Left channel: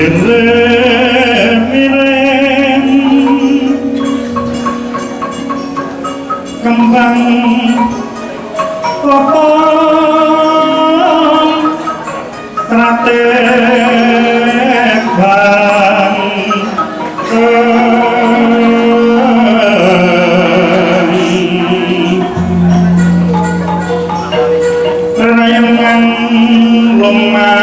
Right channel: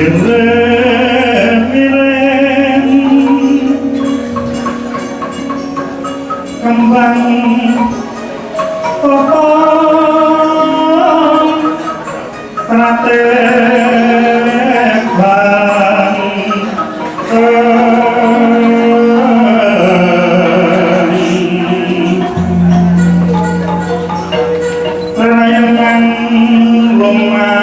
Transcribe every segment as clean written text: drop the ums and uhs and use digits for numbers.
Ireng-ireng kembang kopong stratek bang renayangan rumah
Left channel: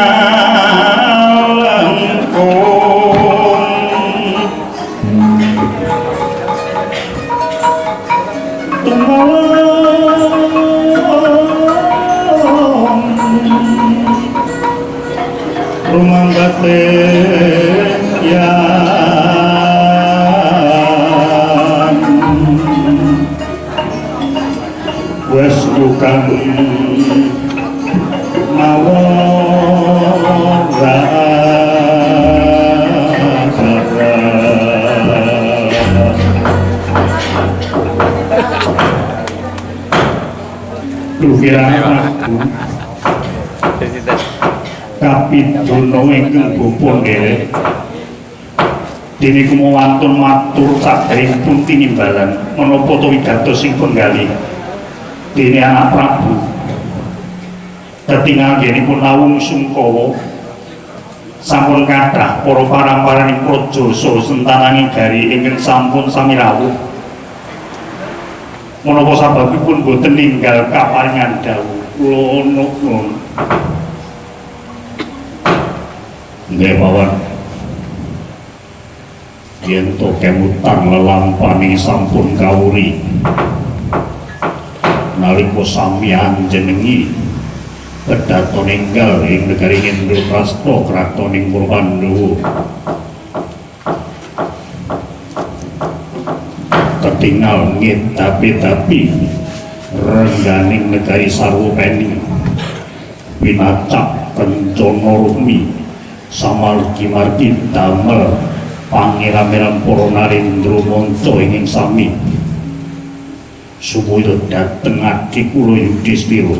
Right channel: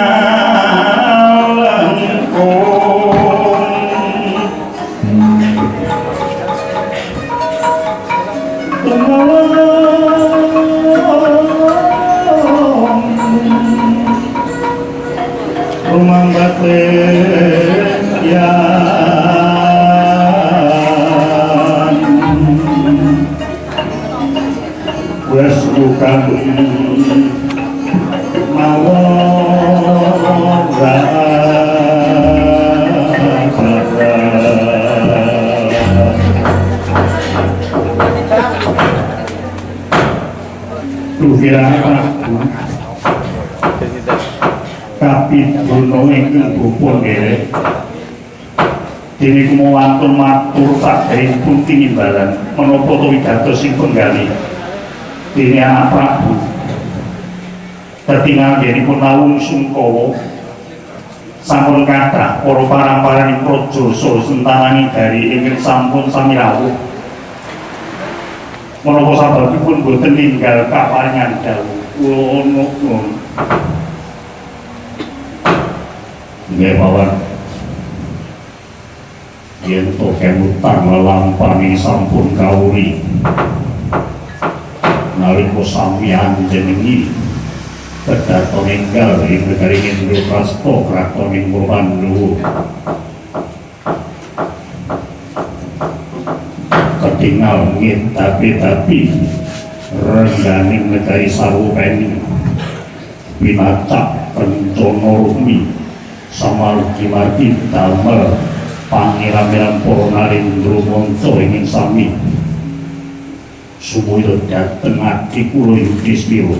batin wes bukan Kapitulo ingkang bupun nggih. Dene kumawantun matur saderengipun tinimbalan menapa to wigatos sing penggali. Dene anak Prabu. Ketingal yenipun lawung Sungkawa sampun kathah para paramparing praja sentananing gari ingkang sampun sami rawuh. Menapa sababipun boten ninggal kaparingan dawuh kula nuwun. Nggih mawon. Yen to kemutan lelampani sampun kawuri. Nalika sami anjenengi pedhato ninggal ing negari Indraprastha kratoning Pandhawa. Ketingal ngetapi rengganing negari Sarwapeni winacak kencana rumi samargi-margi damel pangeran para narendra manca ing sami supaya dhateng adi kula Yudhistira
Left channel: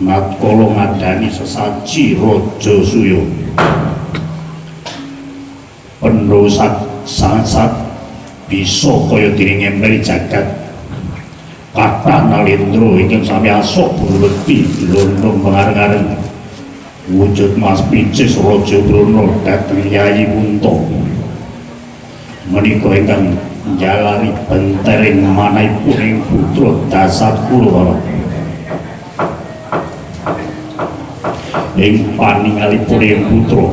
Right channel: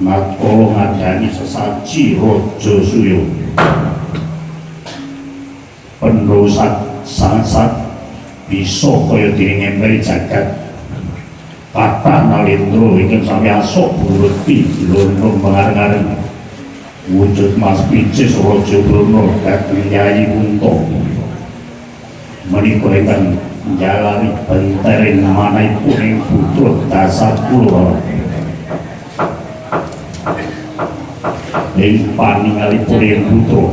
natkala ngadani sesaji Raja Suya penrosat sangsat bisa kaya dene ngempel jagat kathah nalendra ingkang sami asok buleti lundung mengareng-areng wujud Mas Picis Raja Brana dhateng Yayi Kunto menika ingkang njalari bentering manahipun ing putra Dasarkura ing paningalipun ing putra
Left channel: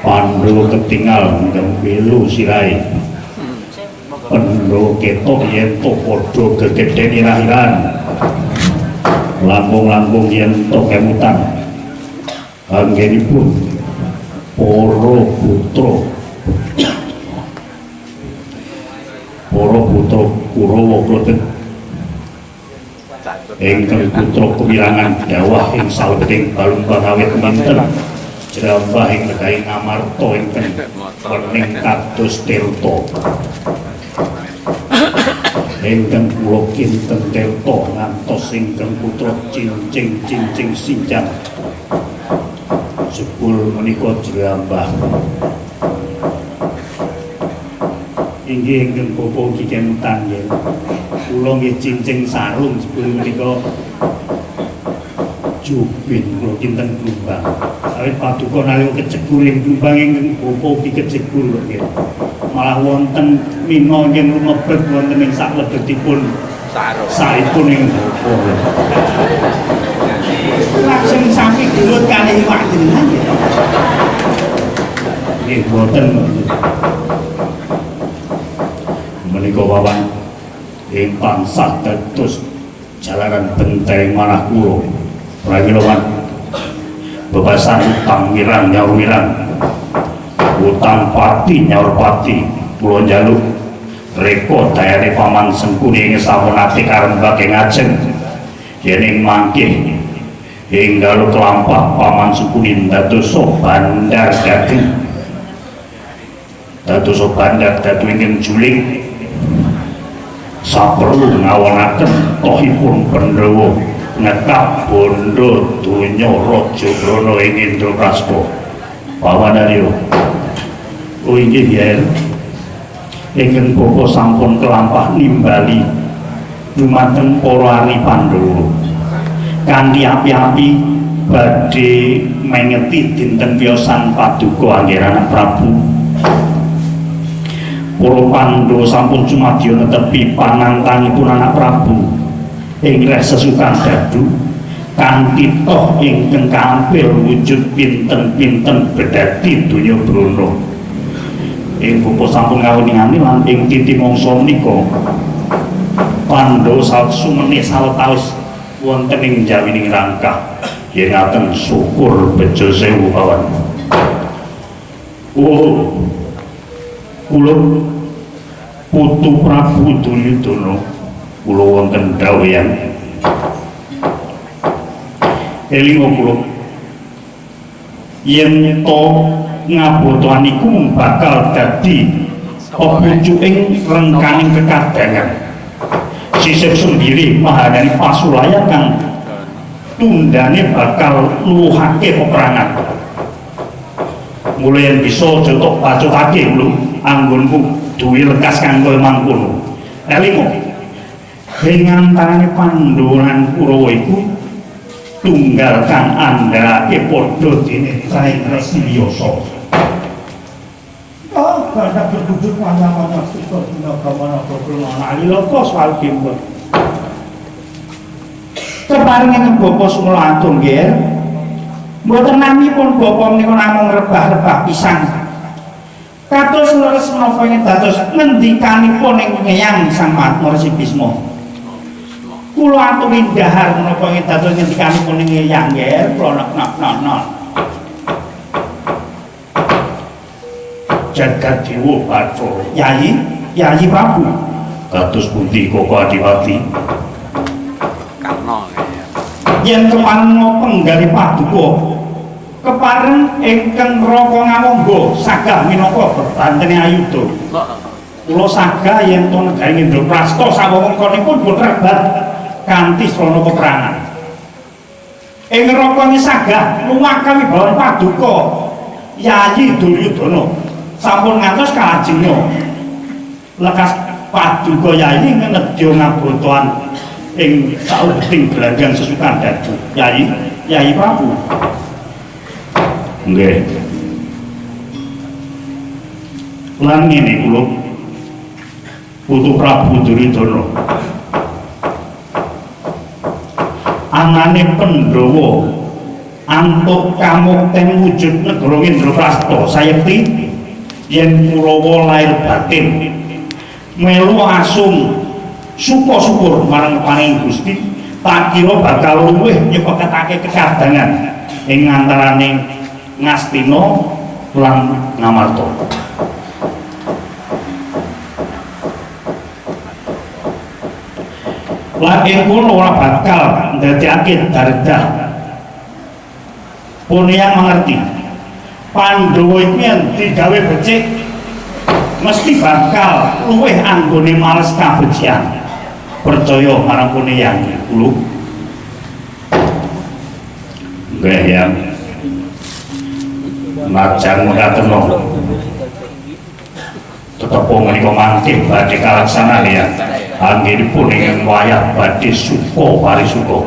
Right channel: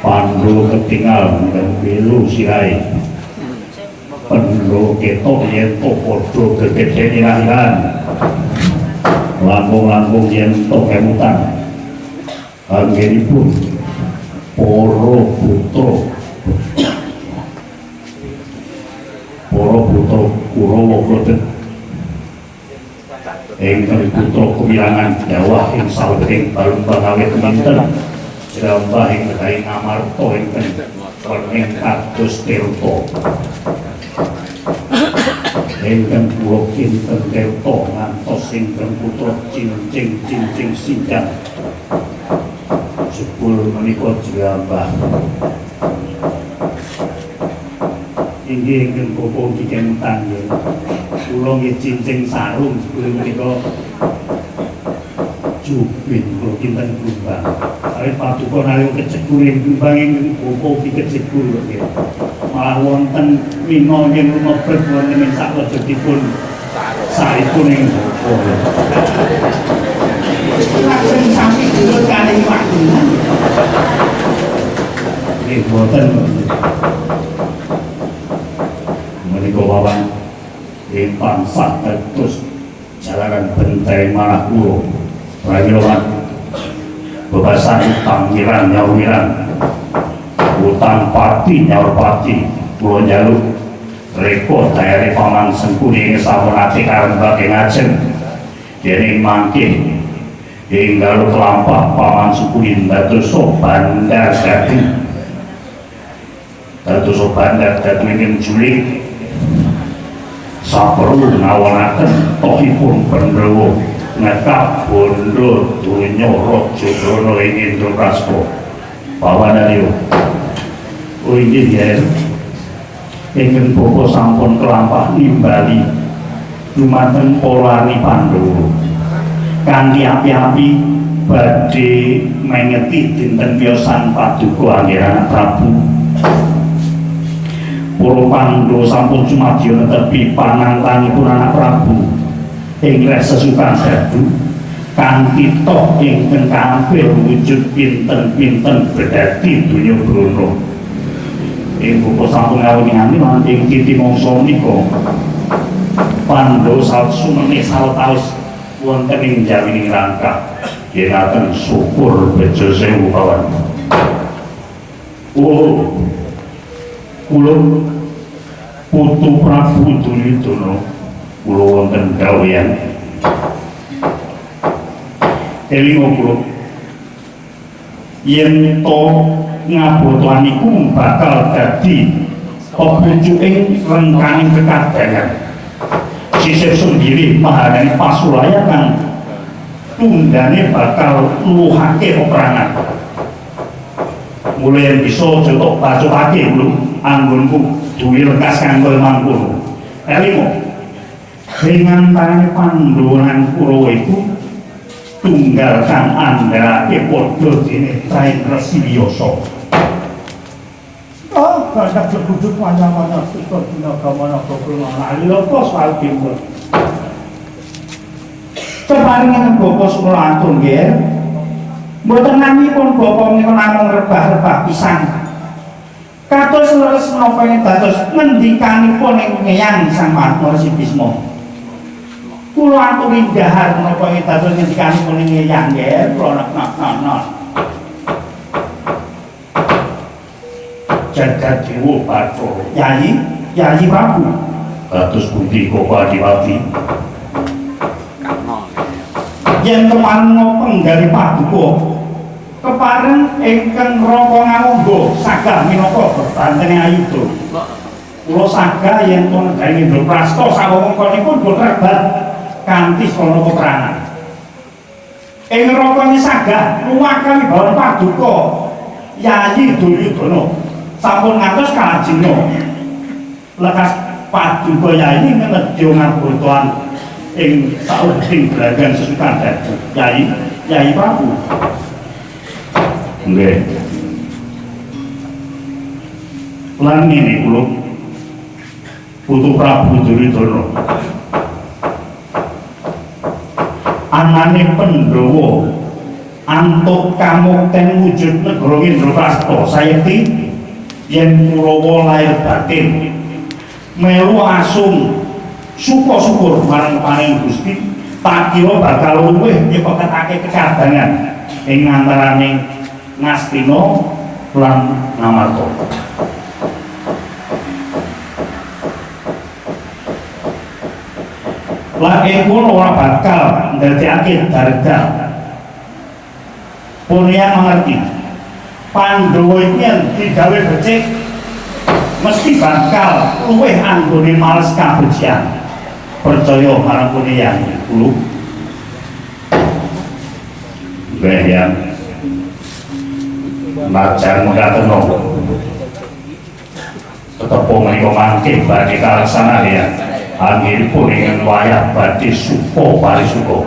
Pandhawa ketingal ngempelu sirahe Pandhawa ketok yen to padha gegeden irahiran lambung-lambung yen to kemutan anggenipun para putra Kurawa klebet ingkang putra kewirangan dawah ing salebeting balung awit kemanten jrambah ing negari Ngamarta ingkang werning kados tirta ingkang kula kinten tirta ngantos ingkang putra cincing sinjang jebul menika jrambah inggih ingkang bapa Kikentan yen kula nggih cincing sarung jebul menika jubin kula kinten Blumbang awit paduka nalika kecekur ing Blumbang ingkang bapa Kecekur nggih malah wonten mina yen lumebet wonten ing saklebetipun saipun ing bapa langsung sami gelut kalih wajengan nggih boten menika wawan ing pangsah dados jalaran benteng manah kula prawilawan bebasan utang mirang nyaur mirang utang pati nyaur pati kula njaluk reka dayane paman Sengkuni ing sampun ati karembake ngajeng yen ing mangkih enggal kelampah paman Sengkuni dadosa bandar dadi ingkang juling saperlu ngawonaken tohipun Pandhawa ngekap bondo donya raja Brana ing Indraprastha pawanarya oh inggih ya ingkang bapa sampun kelampah nimbali dumateng para ari Pandhawa kanthi api-api badhe mengeti dinten piyosan paduka anggen Prabu. Para Pandhawa sampun sumadya netepi panantangipun anak Prabu ing reh sesukan dadu kanthi toh ingkang kampil wujud pinten-pinten bedhati donya Brana. Ing bapa sampun ngawuni-ngani lan ing titi mangsa menika Pandhawa sumene sawetawis wonten ing jawining rangkah yen ngaten syukur bejo sewu kawan. Oh kula putu Prabu Duryudana kula wonten daweyan elinga kula yen to ngabotohan iku bakal dadi pepucuking rengkaning kekadangan sisip sendiri mahadani pasulaya kang tundane bakal luhake peperangan mulai yang bisa jotok bacotake lho anggonku duwe lekas kanggo mangkono elinga ing antarane Pandhawa lan Kurawa iku tunggal kang andhake padha dene Rai Resiyasa. Oh, kada berduduk mana-mana suka dina kamana kekulana aliloko soal timbul. Keparingan bapa sumula antun nggih. Mboten namipun bapa menika namung rebah-rebah pisan. Kados leres menapa ing dados ngendikanipun ing ngeyang Sang Mahesi Bisma. Kula aturi dhahar menapa ing dados ngendikanipun ing ngeyang nggih, kula nek jagat dewa Bathara. Yayi Prabu. Kados pundi Koko Adiwati? Yen kemanung penggali paduka kepareng ingkang raka ngamangga sagah minangka bebantene ayuda. Kula sagah yen to negari Indraprastha sawewengkonipun boten rebat kanthi srana peperangan. Ing rakane sagah lumakan wibawan paduka Yayi Duryudana sampun ngantos kalajengna. Lekas paduka Yayi nedya ngabotohan ing saubeting gelanggang sesukan dadu. Yayi Prabu. Nggih. Lan ngene kula putu Prabu Duryudana. Anane Pandhawa antuk kamukten wujud negara Indraprastha sayekti yen Kurawa lair batin melu asung syukur marang paring Gusti tak kira bakal luwih nyepeketake kekadangan ing antaraning Ngastina lan Ngamarta. Lah kula ora bakal ndadekake dardah. Pun yang mengerti Pandhawa iki yen digawe becik mesti bakal luwih anggone males kabecikan. Percaya marang kene yang kula. Nggih ya. Najan mekaten napa. Tetep menika mangke badhe kalaksanan ya. Anggenipun ing wayah badhe suka parisuka.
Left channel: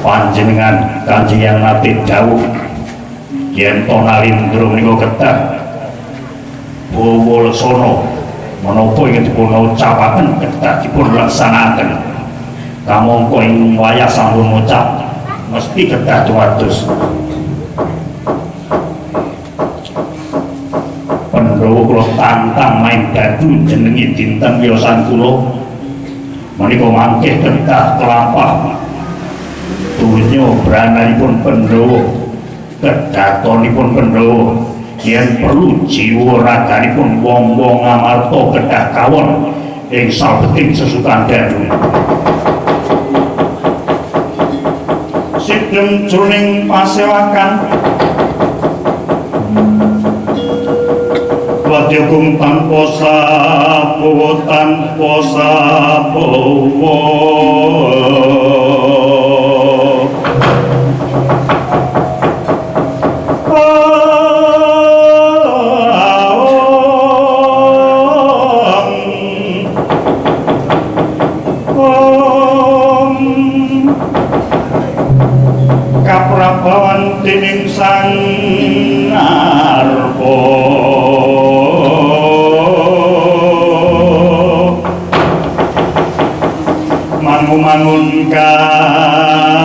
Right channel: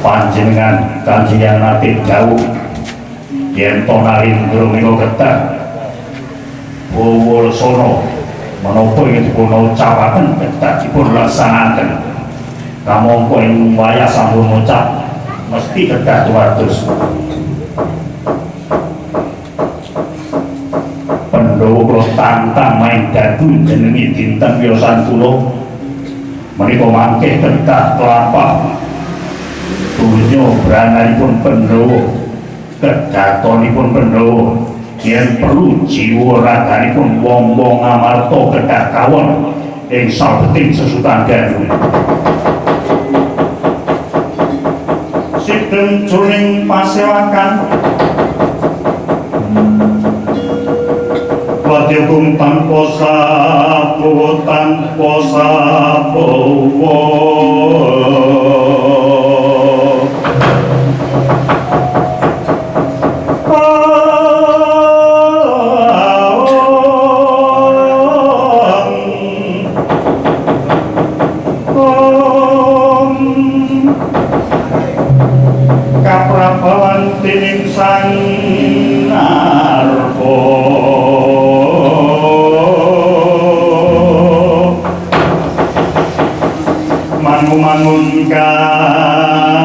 Panjenengan Kanjeng Yang nate dawuh yen to Nalindra menika kedah Bawa Lesana menapa ingkang dipun ucapaken kedah dipun laksanaken. Kamangka ing wayah sampun ngucap mesti kedah dumados. Pandhawa kula tantang main dadu jenengi dinten wiyosan kula menika mangke kedah kelampah dunya brananipun Pandhawa kedatonipun Pandhawa yen perlu jiwa raganipun wong-wong Ngamarta kedah kawon ing sabeting sesukan dadu. Sidhem jroning pasewakan Wadyagung tanpa sabawa sang arpa mangun kaonengan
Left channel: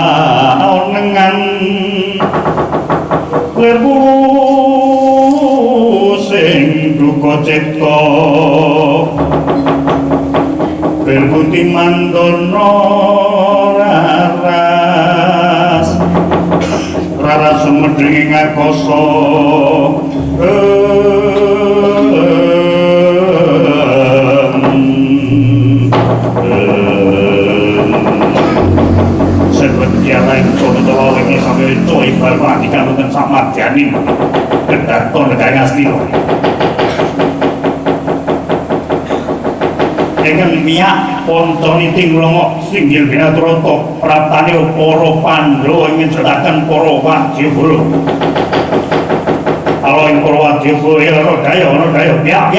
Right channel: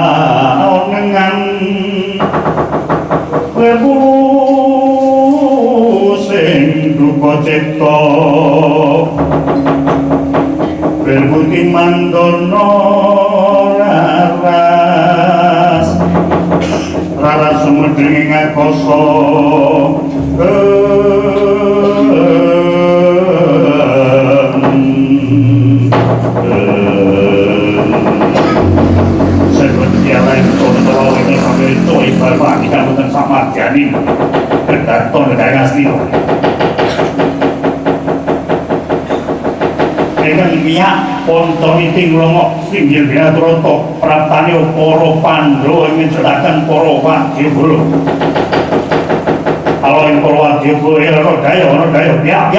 lebu sing duka cipta berbuti mandono raras sumedring ngakoso lain saudara ini sampai coy berbagi kalutan sama janin kedaton negara asli dengan miak ponton iting longok singgil bina trotok pratani poro pandro ingin ceritakan poro wajibul kalau yang poro wajibul ya rodayo biak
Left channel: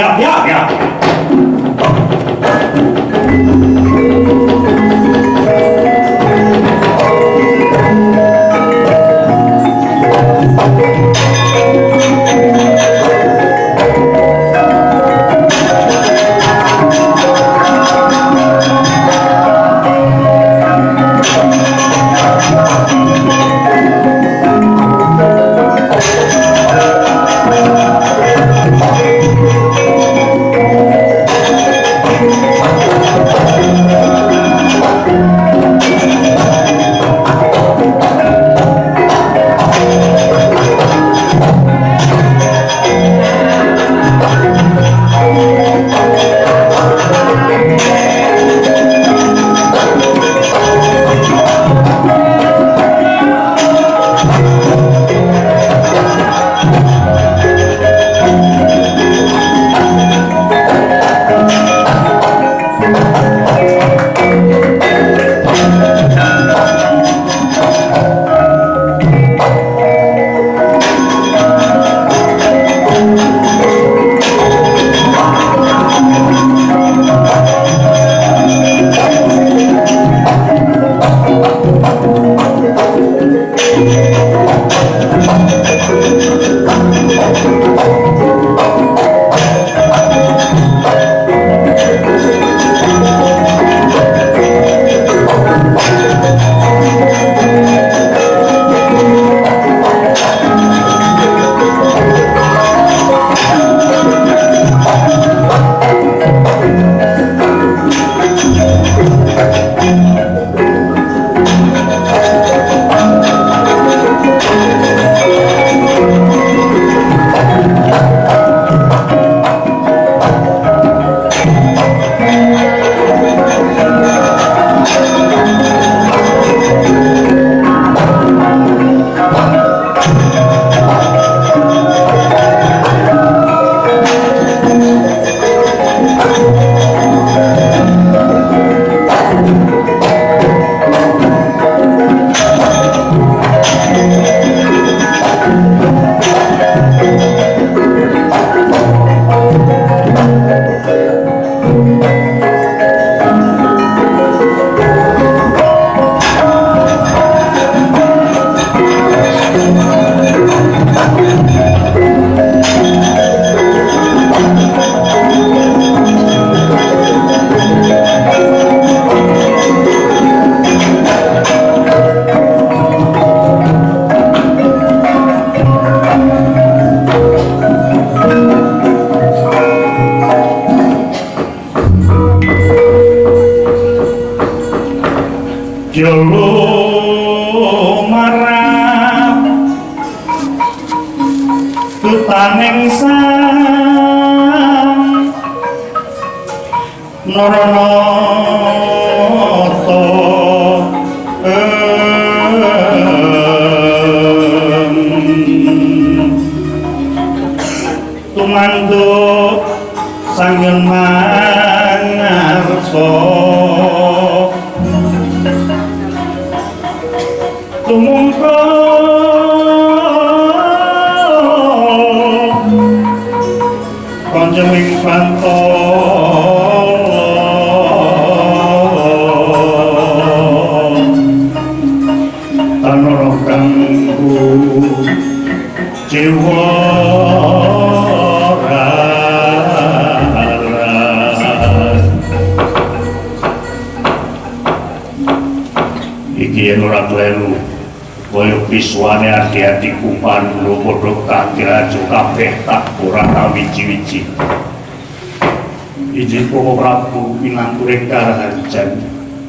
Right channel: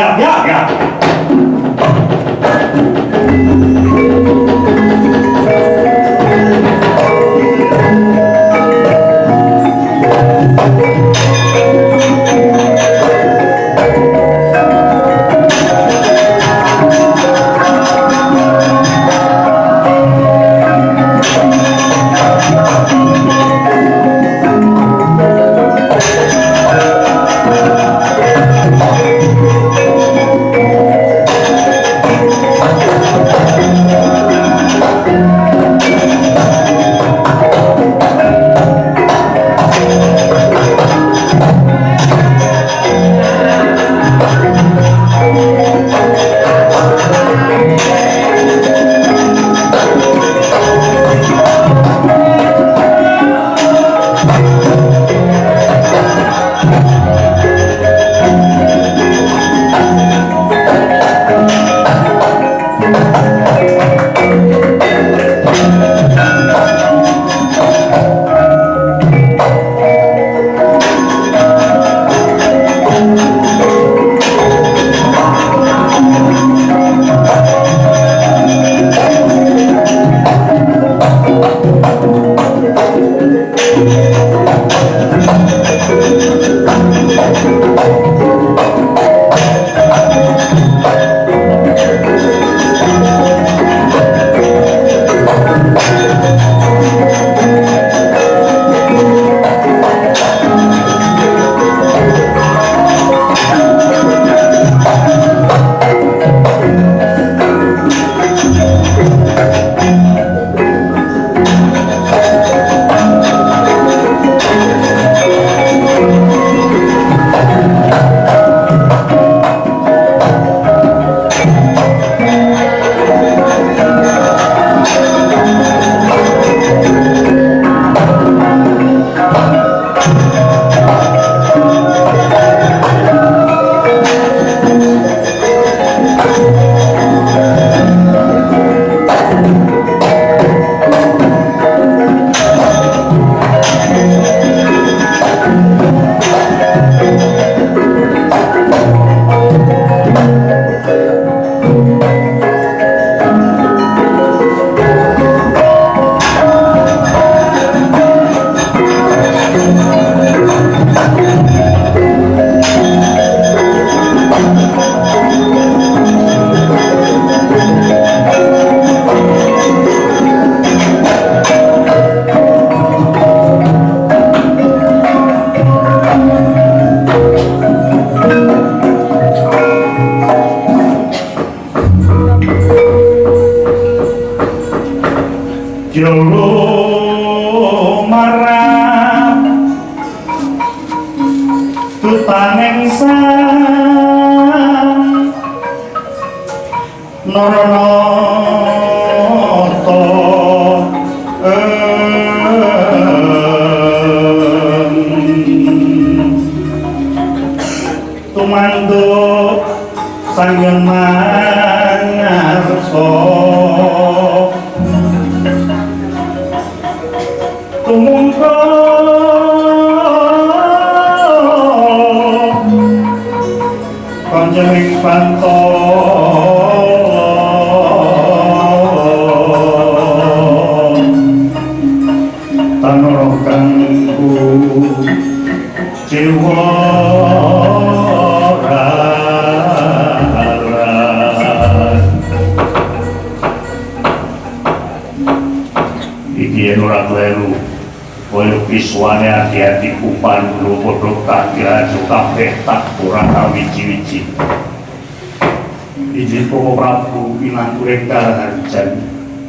Iki yen ora kleru koyo piswane ati-ati kupan lho padha kangge kabeh tak ora wiji-wiji. Iji Koko Prabu minangka Karaharjan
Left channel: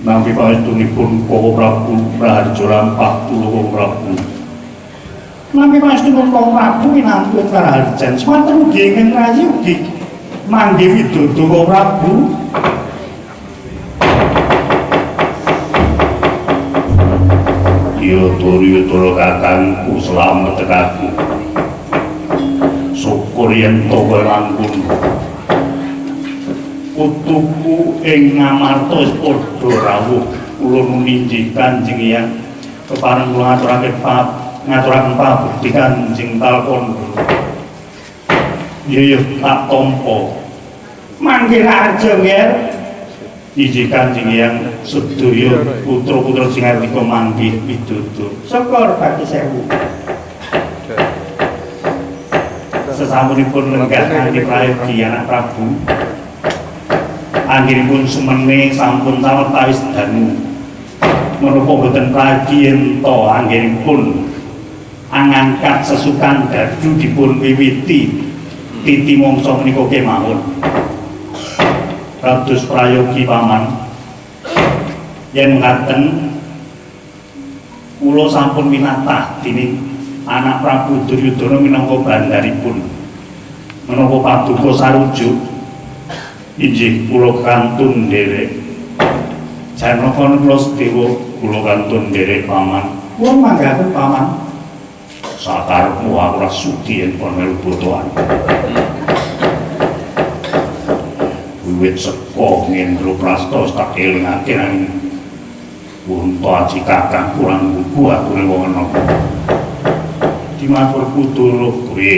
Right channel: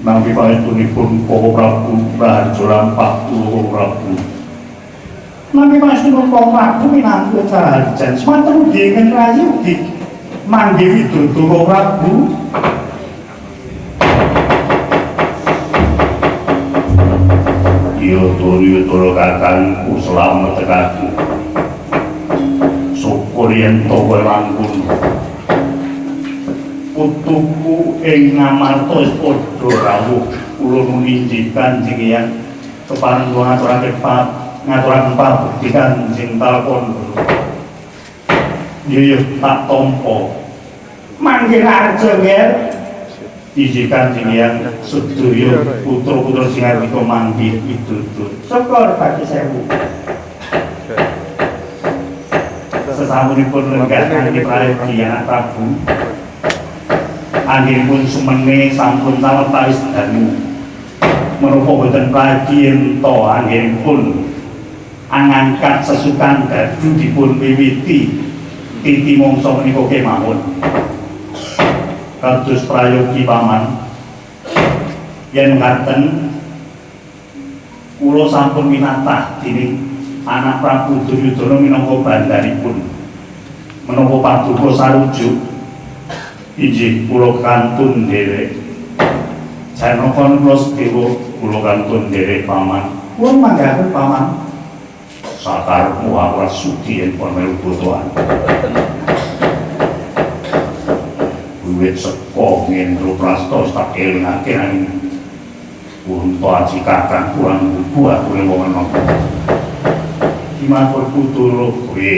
nampi pangestunipun Koko Prabu Raharja Lampak Koko Prabu. Nampi pangestunipun Koko Prabu minangka Karaharjan semanten ugi ingkang rayi ugi mangge widodo Koko Prabu. Yudhara kakangku slamet tekaku. Syukur yen to kowe langkung. Putuku ing ngamarta wis padha rawuh. Kula nulinji Kanjeng Hyang kepareng kula ngaturaken pabekti Kanjeng Talkondro. Ya tak tampa. Mangke arja nger iji Kanjeng Hyang sedaya putra-putra sing arep mangke widodo. Syukur Pati Sewu. Sesampunipun lenggahake prayogi anak Prabu. Anggenipun semene sampun tawetawis danu. Menapa boten pragi ento anggenipun angangkat sesukan dadu dipun wiwiti titi mangsa menika kemawon. Kados prayogi paman yen ngaten kula sampun winatah dening anak Prabu Duryudana minangka bandaripun menapa paduka sarujuk inggih kula kantun nderek janaka kula sedewa kula kantun nderek paman kula manggaken paman sakarepmu aku ora sudi yen pun melu botohan. Wiwit seko ngendro prasta tak elingake nang unta aji kakang kurang buku aku ning wong enom. Dimatur putura kowe.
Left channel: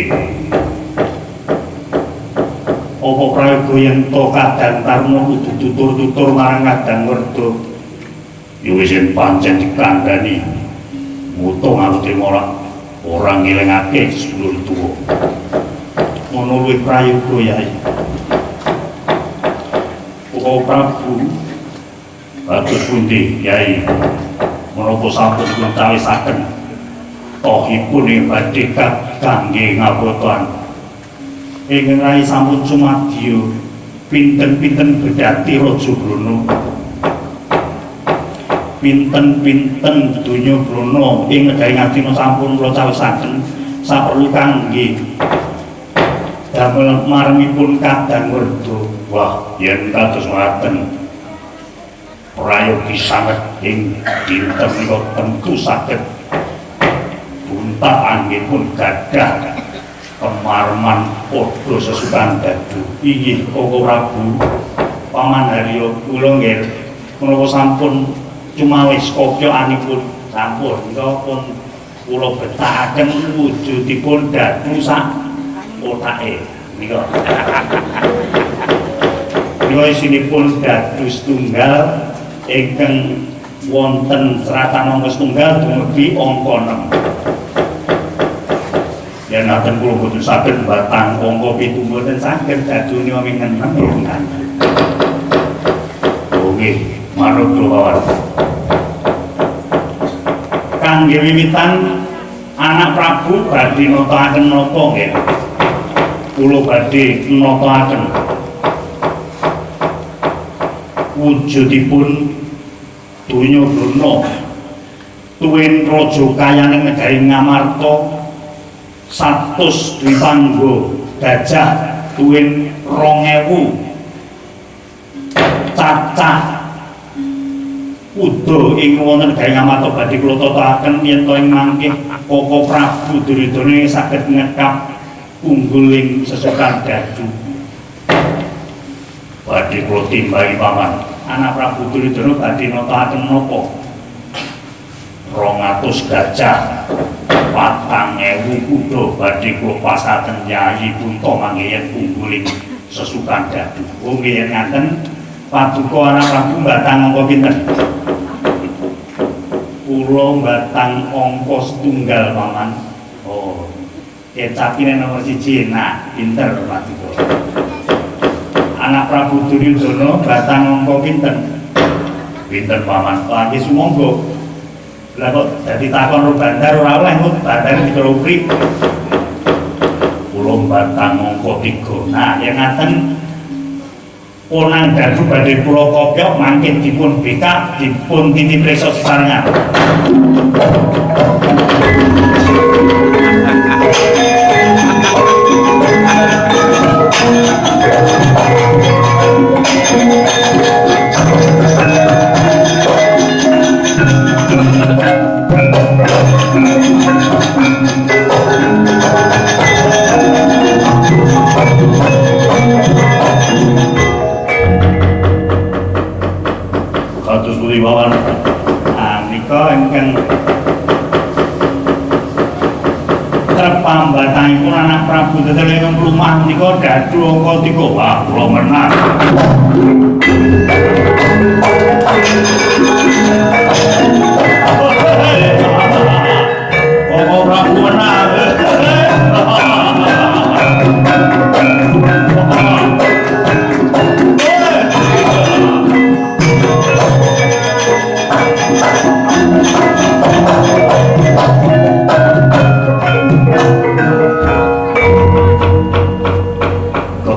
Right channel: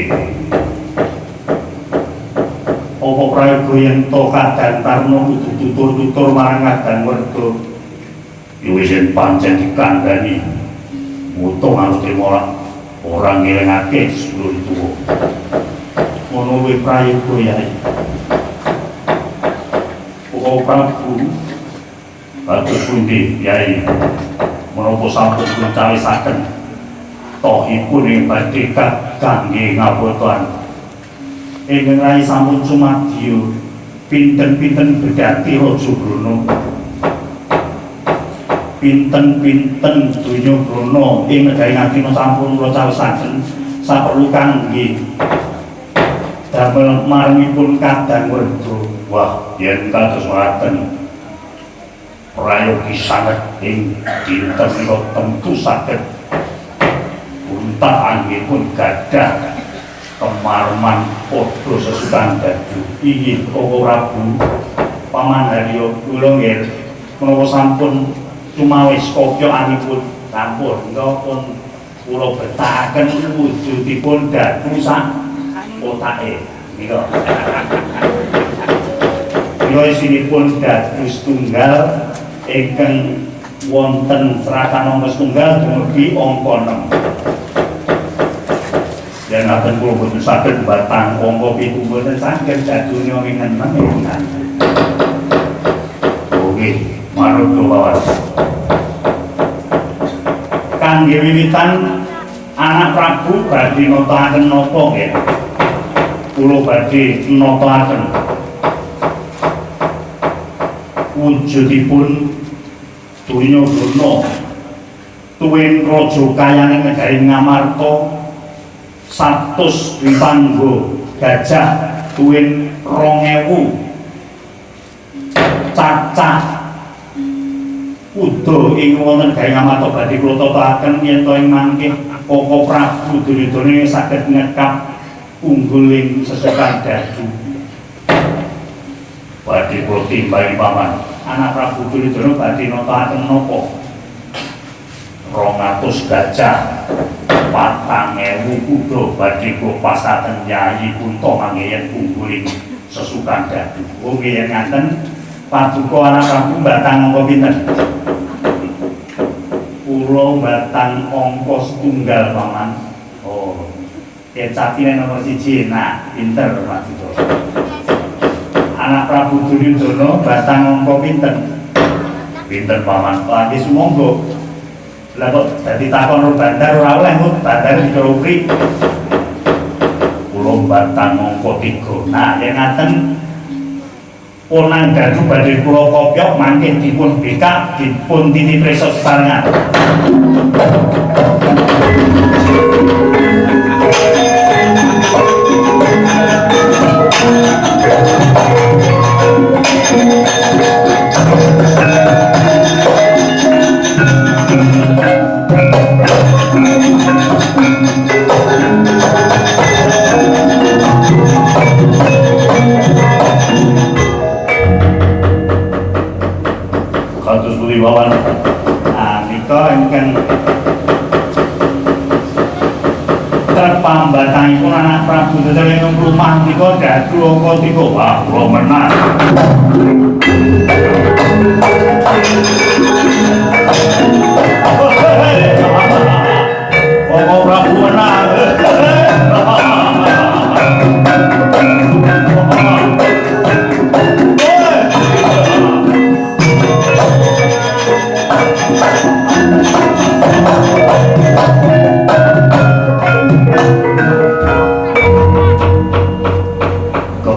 Apa prayoga yen to kadantarna kudu tutur-tutur marang Kadang Werda. Ya wis yen pancen dikandhani mutung aku trimo ora ngelingake sedulur tuwa. Ngono luwih prayoga Yai. Koko Prabu kados pundi Yai menapa sampun kuncawisaken tohipun ing badhe kangge ngabotan ingkang rai sampun sumadya pinten-pinten bedhati Raja Brana pinten-pinten donya Brana ing negari Ngastina sampun kula cawisaken saperlu kangge damel marangipun Kadang Werda. Wah, yen kados ngaten prayogi sanget ing dinten menika tentu saged puntah anggenipun gadah kemarman padha sesukan dadu. Inggih Koko Prabu Paman Harya kula nggih menapa sampun cumawis kopyokanipun sampun menika pun kula betakaken wujudipun dadu sak otake menika. Menika isinipun dadu setunggal ingkang wonten seratan angka setunggal dumugi angka 6. Yen ngaten kula boten saged batang angka 7 boten saged dadune wingen menengan. Nggih, manut kula kangge wiwitan anak Prabu badhe nataken napa nggih. Kula badhe nataken wujudipun donya Brana tuwin raja kayaning negari Ngamarta 100 Dwipangga gajah tuwin 2000 cacah kuda ing wonten negari Ngamarta badhe kula tataken yen to ing mangke Koko Prabu Duryudana saged ngekap ungguling sesukan dadu. Badhe kula timbangi paman anak Prabu Duryudana badhe nataken napa 200 gajah 4000 kuda badhe kula pasaken Yayi Punta manggen ungguling sesukan dadu. Oh nggih yen ngaten paduka anak Prabu mbatang angka pinten? Kula mbatang angka setunggal paman. Oh capine nomor 1. Nah, pinter Pak Duko. Anak Prabu Duryudana batang angka pinten? Pinten paman? Lagi sumangga. Lah kok dadi takon ro bandar ora oleh kok bandar dikerupri. Kula batang angka 3. Nah, yen ngaten Ponang Gardu badhe kula kopyok mangke dipun bekak dipun titipreso sesarengan. Kados pundi mawon. Nika ingkang trepambatangipun anak Prabu Tetelinging Rumah nika Gardu angka 3. Wah, kula menang. Kok Prabu menang.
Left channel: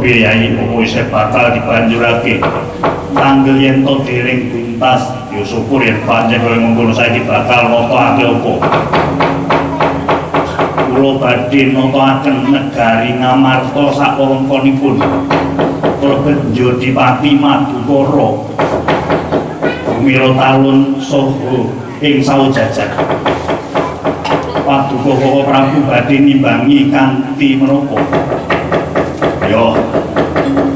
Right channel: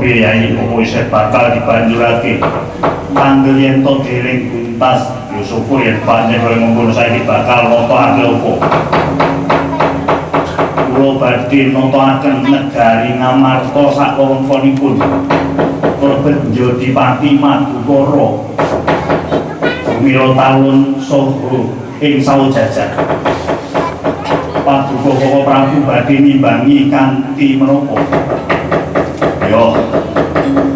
Yai opo isih bakal dibanjurake tanggel yen to dereng tuntas ya syukur yen pancen kaya mengkono saiki bakal notokake opo kula badhe notokaken negari Ngamarta sak wewengkonipun kalebet Jodipati Madukara Bumira Talun saha ing saujajar Paduka Prabu badhe nimbangi kanthi menapa yo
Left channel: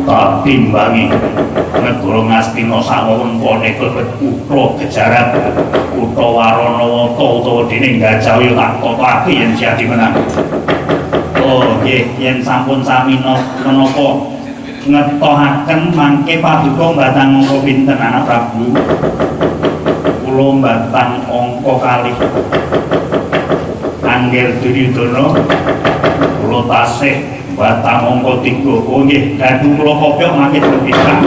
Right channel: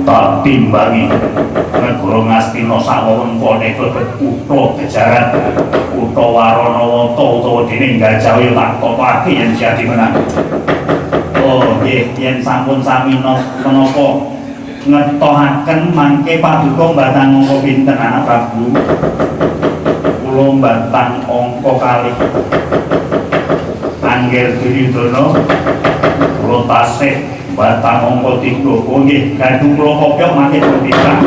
tak timbangi negara Ngastina sak wewengkone klebet kutha Gejarat, kutha Waranawata utawa dene Gajah tak totokake yen jadi menang. Oh nggih, yen sampun sami menapa ngetohaken mangke Paduka batang angka pinten anak Prabu? Kula batang angka 2. Angger Duryudana kula tasih batang angka 3. Oh nggih, Gardu kula kopyok mangke berpisah.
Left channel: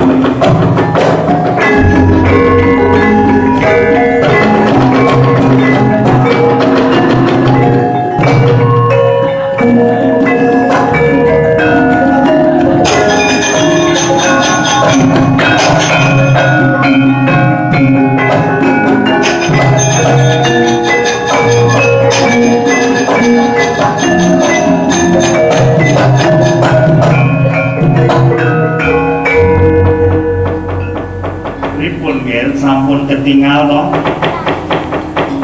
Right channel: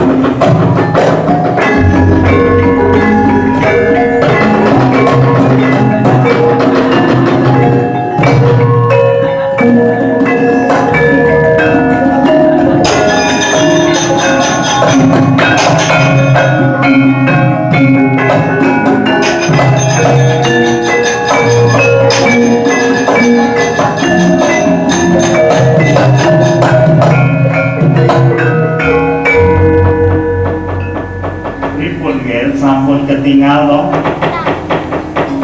Sampun ketinggal to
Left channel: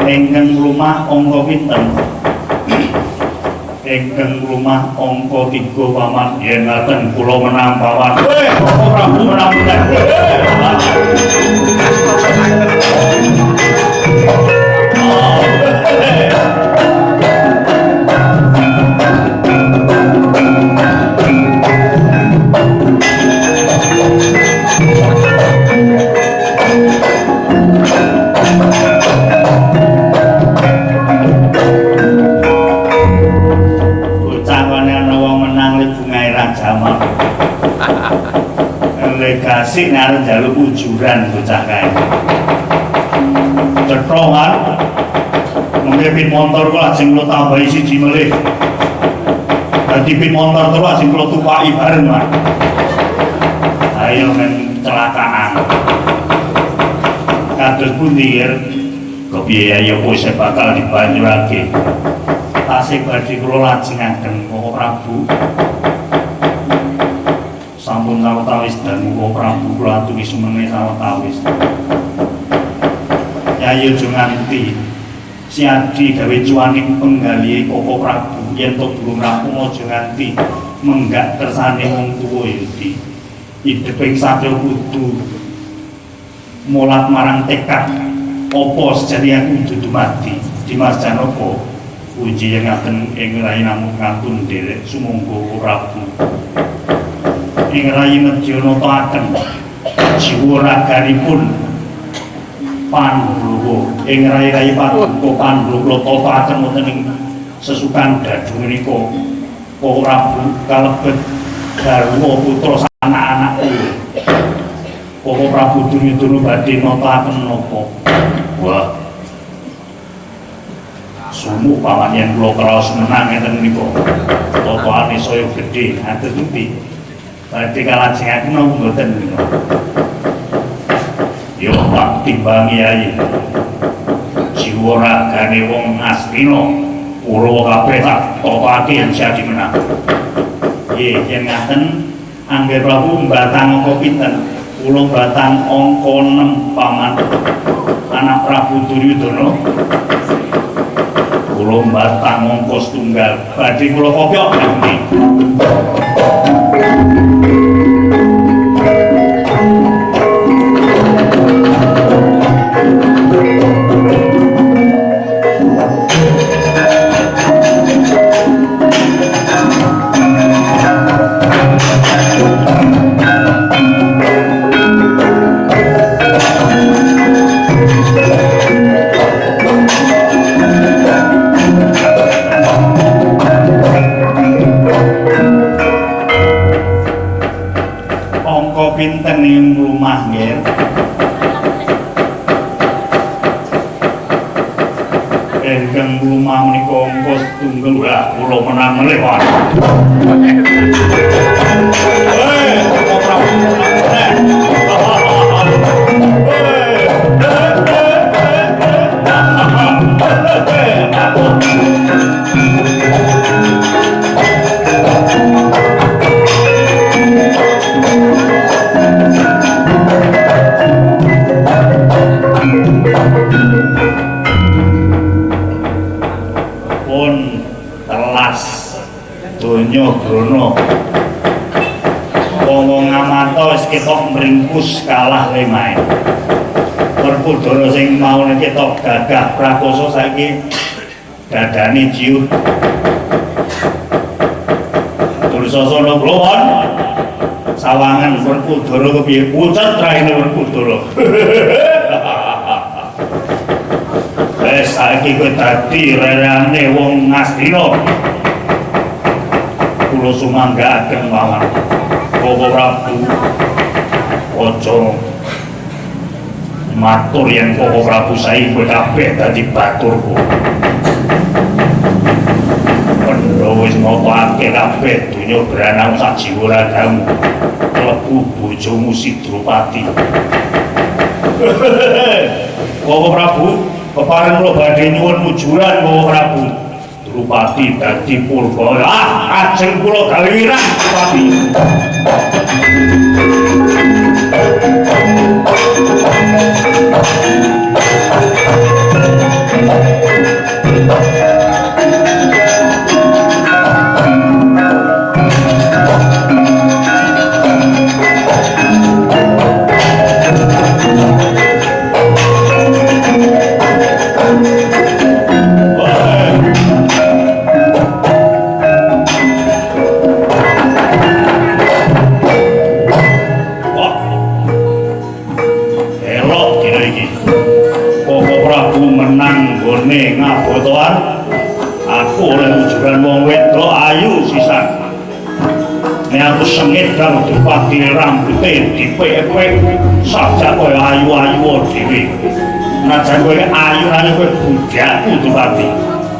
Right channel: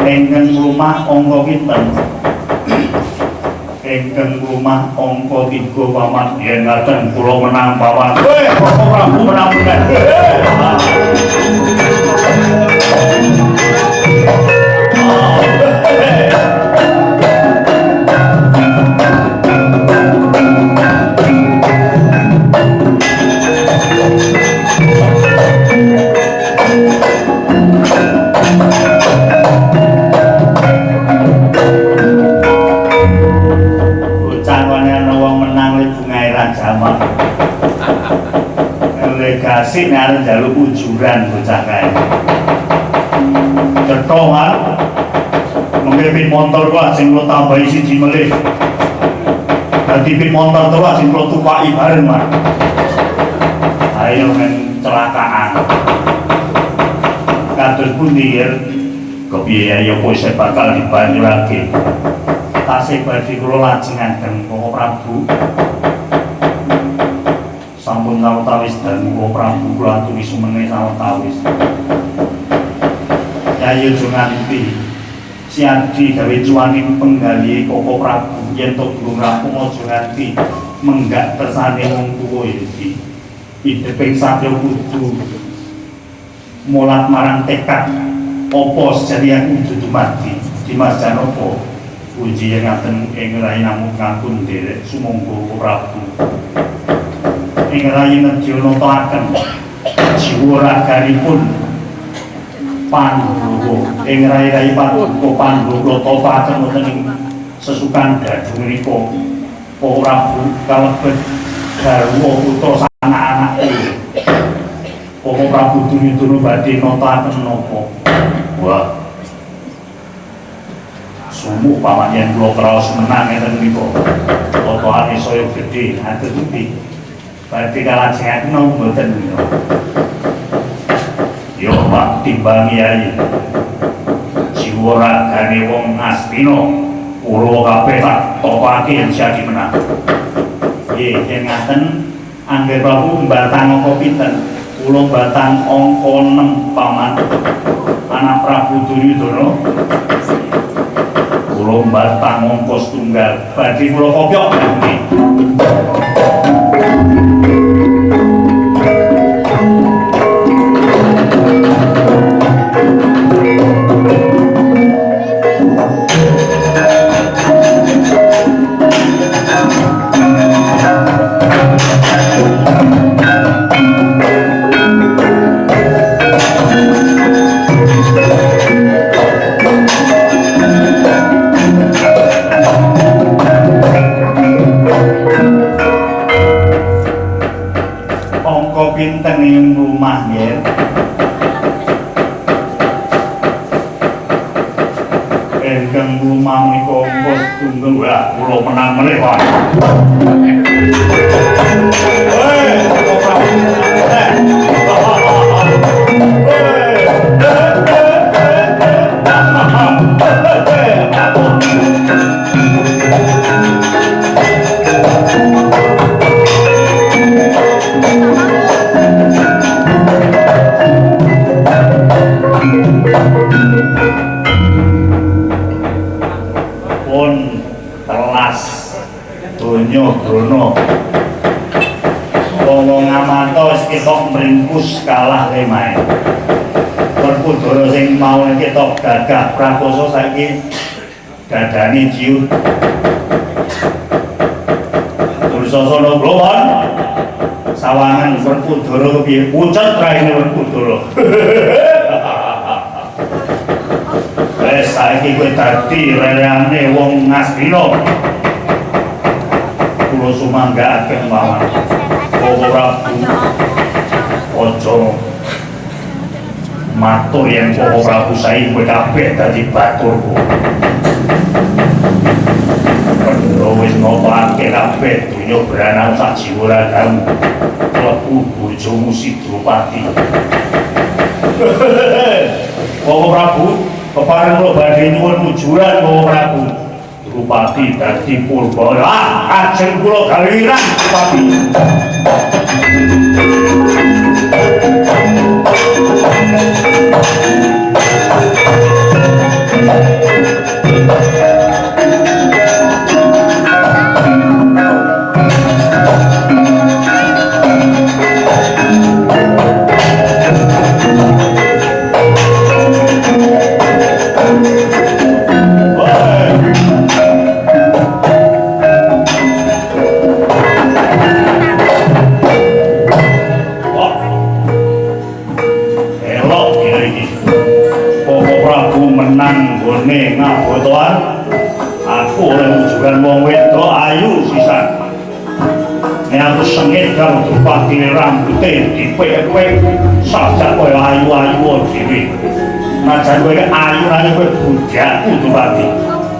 ingkang rumah angka pinten? Ingkang rumah angka 3 paman. Yen ngaten kula menang paman. Bapak Prabu menang meneh. Legasi ngarep njaluk ujuran bocah kae. Cetongan mengke pin motor kok sing kula tambahi siji melih. Dadi pin motor terus sing kula tupaki bareng, Mas. Ayo men celakaan. Kados pundi kepiye ya kowe isih bakal dibanjurake. Tasih badhe kula lajengaken Bapak Prabu. Sampun sawetawis dangu Prabu kula aturi sumene sawetawis. Yayi aja nganti siadi gawe cuaning penggalihe Bapak Prabu yen to durung rampung aja nganti menggak kersane wong tuwa iki. Hiduping satya kudu mulat marang tekad apa sejatian kudu dumadi Dimas Janaka puji yang ngaten ing rai namung ngapun nderek sumangga Prabu ing rai nedya nataken jiwa raganipun Pandhawa ing rai-rai Paduka Pandhawa tataken wonten ing sesukan Dadu menika Prabu kalebet garwa putra anak-anakku. Para Prabu Duryudana badhe nataken napa? Wah. Sumuk paman yen kula kraos menang ngeten niku. Totoane saya gedhe ngaten pundi. Badhe kalajengaken napa mboten niku. Yo Pak timbangi ae. Jiwa ragane wong Astina kula kabeh tak topake yen jadi menang. Nggih, yen ngaten Angger Prabu batang angka pinten? Kula batang angka 6 paman. Anak Prabu Duryudana. Kula batang angka setunggal. Badhe kula kopyok nggih. Pinten ing rumah nggih. Engkang rumah menika angka setunggal wah kula menang melih wae. Donya Brana wong ngamata wis ketok mringkus kalah lemahe. Werkudara sing mau ketok gagah prakoso saiki dadane ciut. Dursasana Blowon sawangan Werkudara kepiye pucet raine Werkudara. Wes saiki kowe dadi rerane wong Astina. Kula sumanggaaken mawon Bapak Prabu aja matur yen Bapak Prabu saiki kowe kabeh dadi baturku. Pendro wis ngopake kabeh donya branang sak jiwa ragamu klebu bojomu Sidropati. Bapak Prabu kepareng kula badhe nyuwun mujuran Bapak Prabu. Drupadi dadi purba. Ajeng kula gawe wirang Drupadi. Aku oleh mujuran wong wedok ayu sisan. Nek aku sengit karo Drupadi rambute dipek-pek sajak kaya ayu-ayu dhewe. Najan kowe ayu-ayu kowe budakku Drupadi.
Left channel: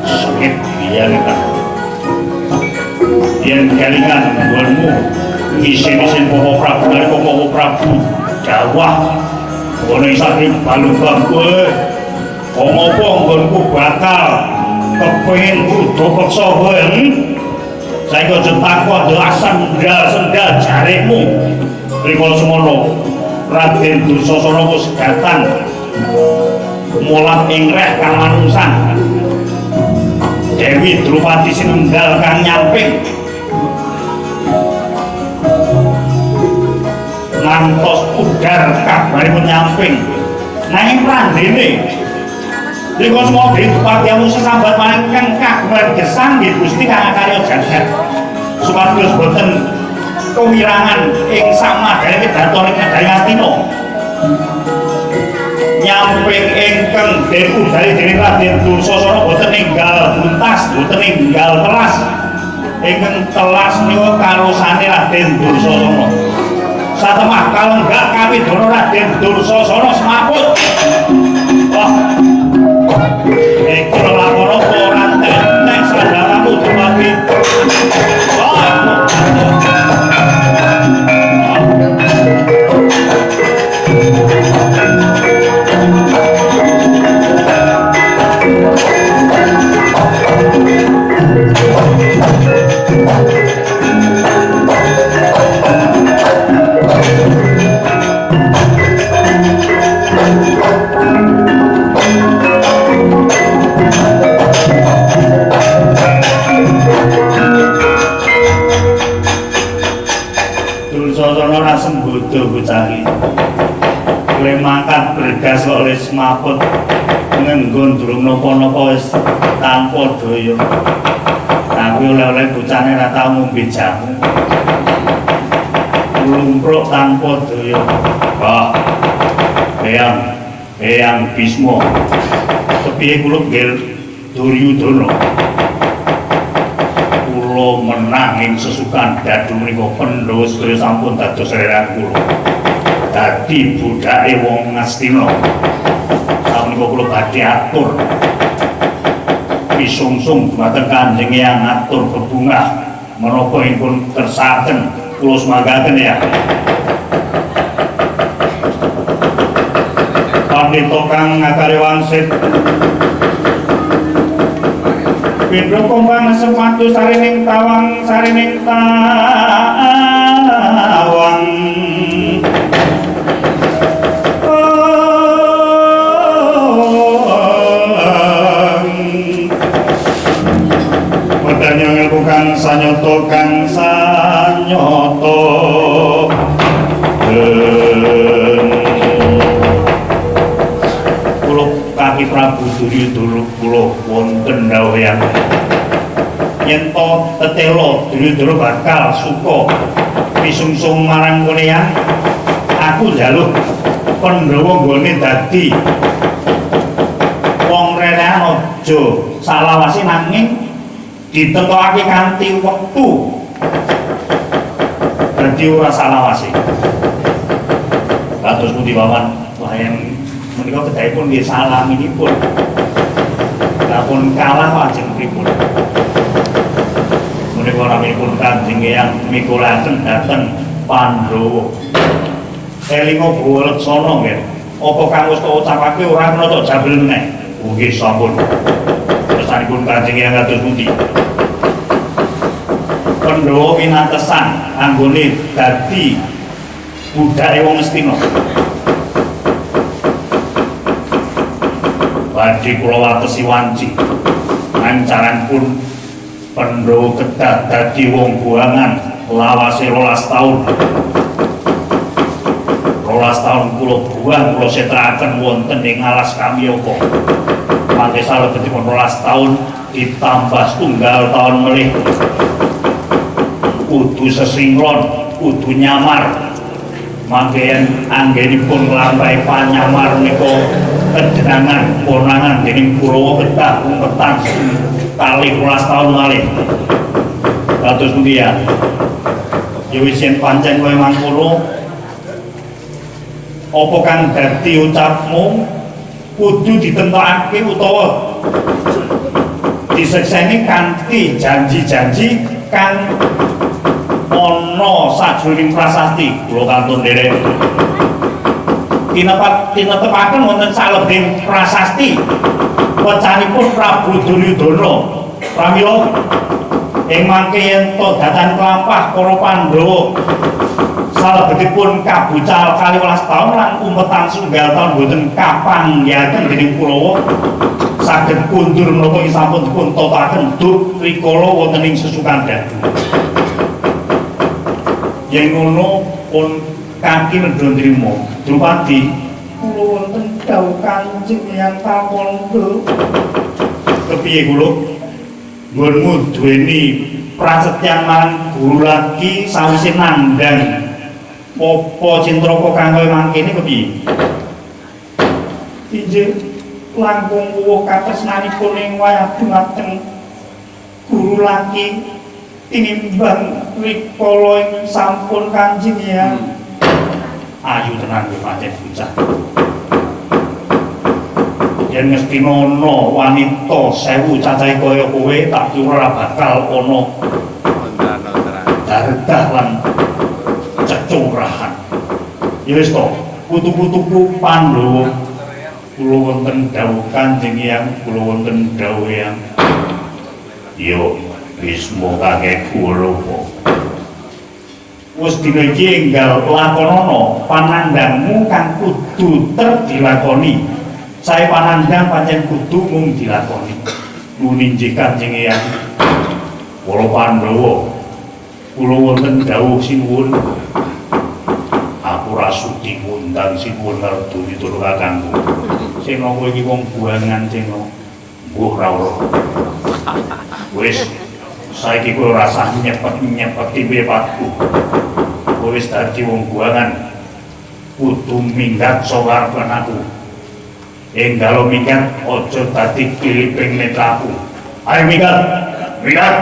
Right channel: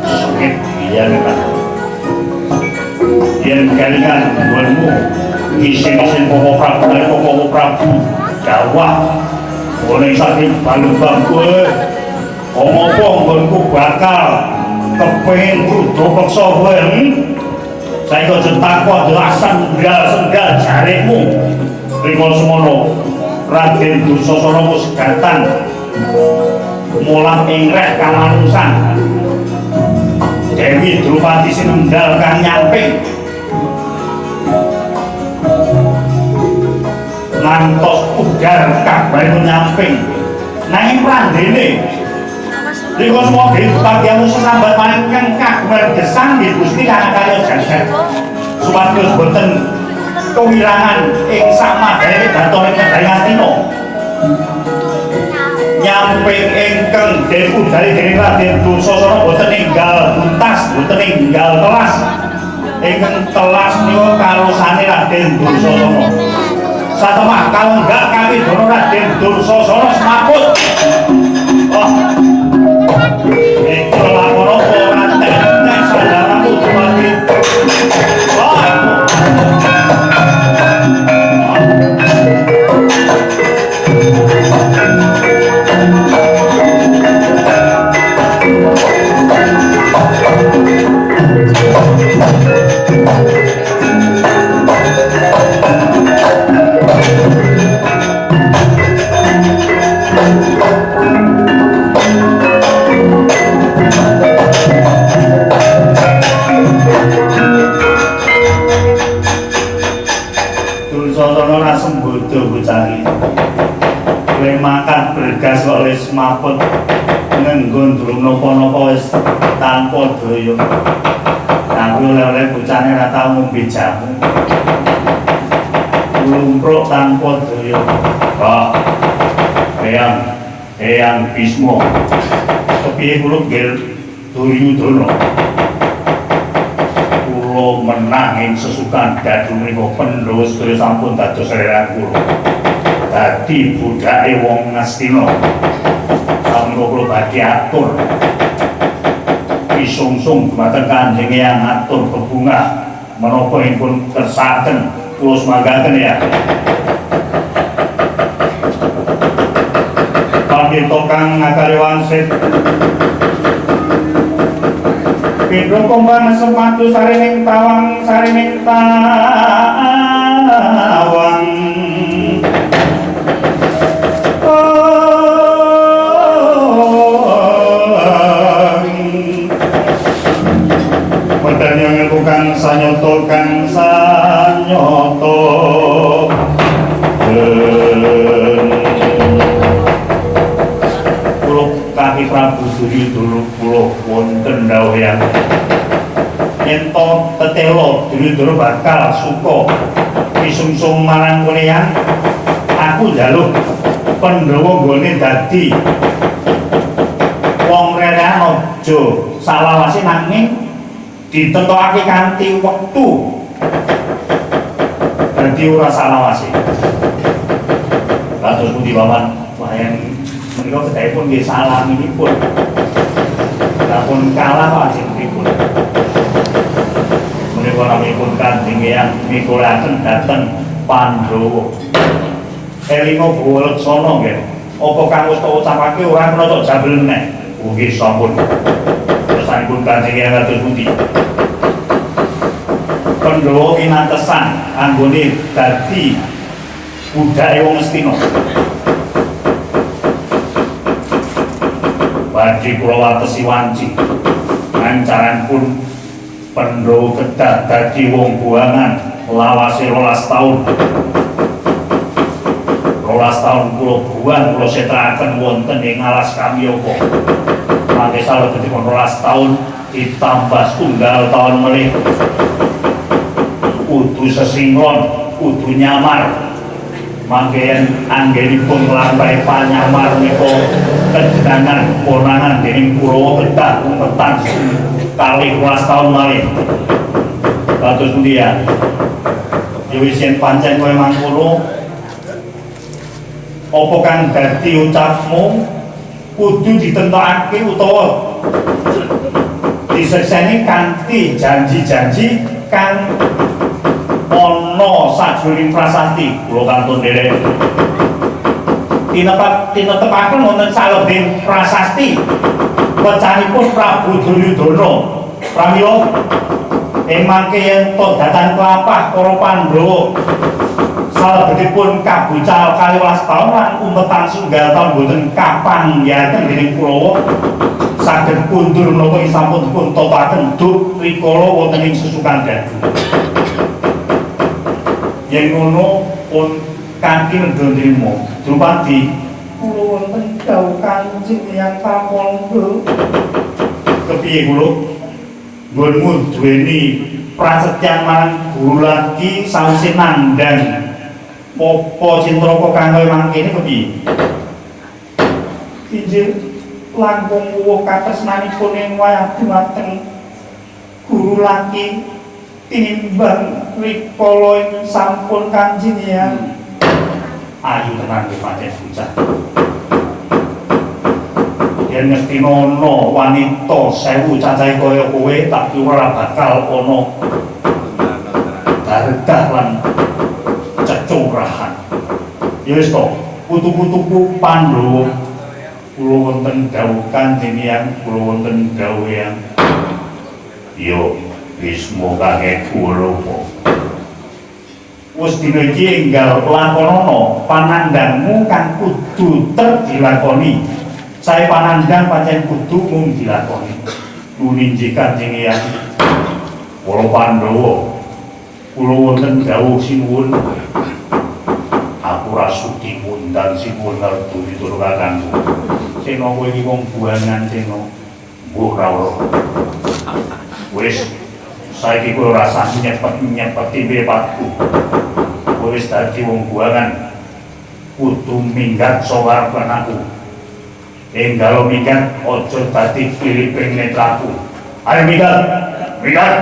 Sengit liyane kan. Yen kelingan nggonmu ngisi-ngisi Bapak Prabu lan Bapak Prabu dawah ngene saking balung-balung kowe. Ngopo nggonku bakal kepengin kudu peksa kowe. Saiki aja takon jelasan sendal jaremu. Rikala semono Raden Dursasana wis gatan mulang ing reh kang manungsan. Dewi Drupadi sinunggal kang nyamping ngantos ugar kabaripun nyamping nanging prandene rikala semua Drupadi amun sesambat maning kang kabar gesang nggih Gusti kang karya jagat supados boten kewirangan ing samadane datone Negari Astina nyamping ingkang dipundhari dening Raden Dursasana boten enggal tuntas boten enggal telas ingkang telas menika karosane Raden Dursasana. Satemah kalenggak kawidana Raden Dursasana semaput. Wah. Iki lapor apa ora entek sadaramu dumadi. Wah. Dursasana sembodo bocah iki. Kowe makan bergas kok wis mapet ngenggon durung napa-napa wis tanpa daya. Aku oleh-oleh bocahne ora tau ngombe jamu. Lumpruk tanpa daya. Wah. Eyang Bisma. Kepiye kula nggih Duryudana. Kula menang ing sesukan dadu menika Pandhawa sedaya sampun dados reran kula. Dadi budake wong Ngastina. Sampun kula badhe atur. Isungsung dumateng Kanjeng Eyang atur bebungah menapa ingkang kersakaken kula semagaken ya. Pandhita kang ngakari wangsit Pindha kombang sematu sarining tawang Medanya ngelku kang sanyoto Kaki Prabu Duryudana kula wonten dawuhan yen to tetelo Duryudana bakal suka pisungsung marang konean aku njaluk Pandhawa nggone dadi wong rerehan aja salawase nanging ditetokake kanthi wektu dadi ora salawase. Kados pundi paman wayan menika kedahipun nggih salaminipun. Lapun kalah kok ajeng pripun. Menika naminipun Kanjeng Eyang mikulaken dhateng Pandhawa. Elinga Bawaleksana nggih. Apa kang wis tak ucapake ora kena tok jabel meneh. Nggih sampun. Kersanipun Kanjeng Eyang kados pundi? Pandhawa kinantesan anggone dadi budake wong Astina. Badhe kula watesi wanci ancaranipun Pandhawa kedah dadi wong buangan lawase 12 taun. 12 taun kula buang kula setraken wonten ing alas Kamyaka. Mangke salebetipun 12 taun ditambah setunggal taun melih. Kudu sesinglon, kudu nyamar. Mangke anggenipun nglampahi panyamar menika kejenengan ponangan dening Kurawa kedah umpetan kali 12 taun malih. Kados pundi ya? Ya wis yen pancen kowe mangkono apa kang dadi ucapmu kudu ditentokake utawa disekseni kanthi janji-janji kang ana sajroning prasasti. Kula kantun nderek tinetepaken wonten salebing prasasti wecanipun Prabu Duryudana pramila ing mangke yen to datan klampah para Pandhawa salebetipun kabucal 12 taun lan umpetan sunggal taun boten kapanggihaken dening Kurawa saged kundur menapa sampun dipun topaken duk rikala wonten ing sesukan dadu. Yen ngono pun kaki nedha nrimo Drupadi kula wonten dawuh Kanjeng Eyang Kapangga. Kepiye kula nggonmu duweni prasetyan marang guru lagi sawise nandhang apa cintraka kang kaya mangkene kepiye? Injil langkung wuwuh katresnanipun ing wayah dhumateng guru lagi tinimbang rikala ing sampun Kanjeng Eyang. Ayu tenan kowe pancen bocah. Yen mesti ana wanita 1000 cacahe kaya kowe tak kira bakal ana dardah lan cecurahan. Ya wis to, putu-putuku Pandhawa kula wonten dawuh Kanjeng Eyang, kula wonten dawuh Eyang. Yo Bisma kakek Kurupa. Wis dina iki enggal lakonana panandangmu kang kudu dilakoni. Sae panandang pancen kudu mung dilakoni. Nuninjih Kanjeng Eyang. Para Pandhawa kula wonten dawuh sinuwun. Aku rasuti ngundang sinuwun ngertu ditur kakangku. Sena kowe iki wong buangan Sena. Mbuh ra ora. Wis saiki kowe rasane nyepet-nyepeti mripatku. Kowe wis dadi wong buangan. Kudu minggat saka aku. Enggal minggat aja dadi kiliping netraku. Ayo minggat. Minggat. Minggat.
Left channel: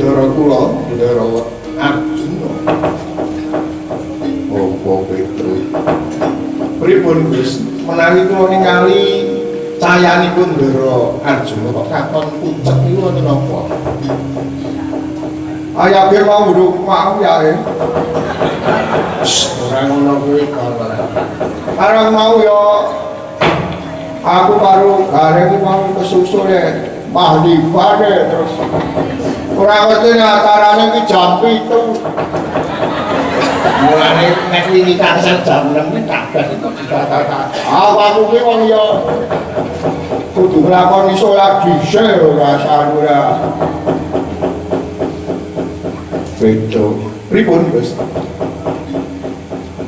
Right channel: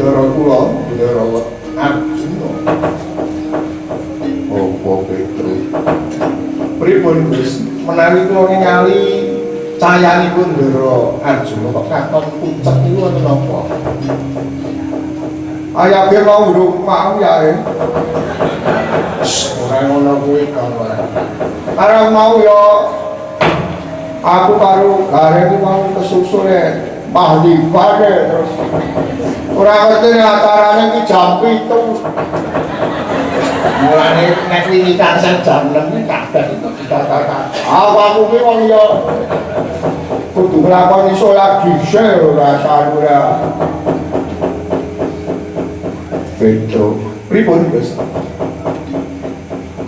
Bendara kula, Bendara Arjuna. Apa Petro? Pripun Gus? Menawi kula ningali cayanipun Bendara Arjuna kok katon pucet niku wonten apa? Ayah dia mau duduk mau ya orang ngono kuwi kawan. Arang mau ya aku baru gareng mau kesusul ya mahlibat terus orang ngerti acaranya ki jam 7 mulane nek wiwitan jam 6 iki kadang dikatakan aku ki wong ya kudu nglakoni salat dhisik ora sarura. Beto, pripun Gus?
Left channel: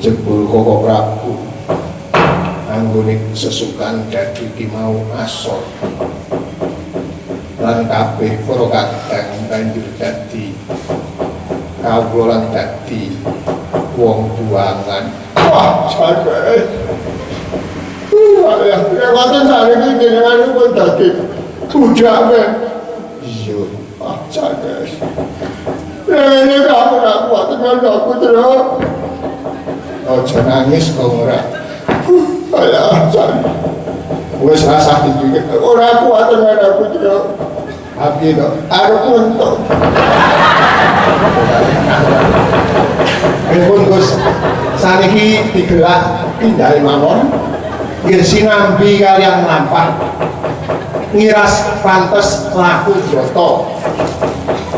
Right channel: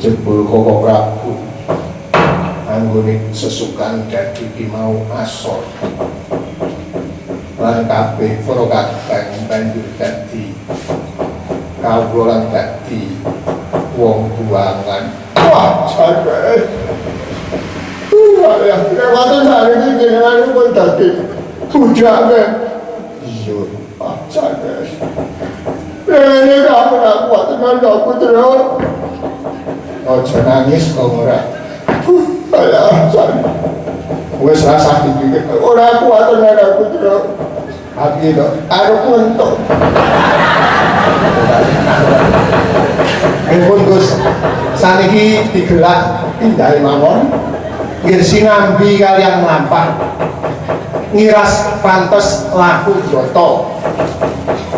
Jebul Koko Prabu anggone sesukan dadi ki mau asor. Lan kabeh para kadang banjur dadi kawula lan dadi wong tuangan. Wah, sampe. Ya, kekuatan saya ini dengan pun dadi bujake. Iya, pacar guys. Ini kamu nak kuat dengan aku terus. Ojo nangis kau ora. Ayah, sorry. Wes rasa iki ora kuat dengan aku terus. Abi to, arep untuk. Pun Gus, saniki digelak pindhah mawon. Nggih sinambi kaliyan lampah. Ngiras pantes laku broto.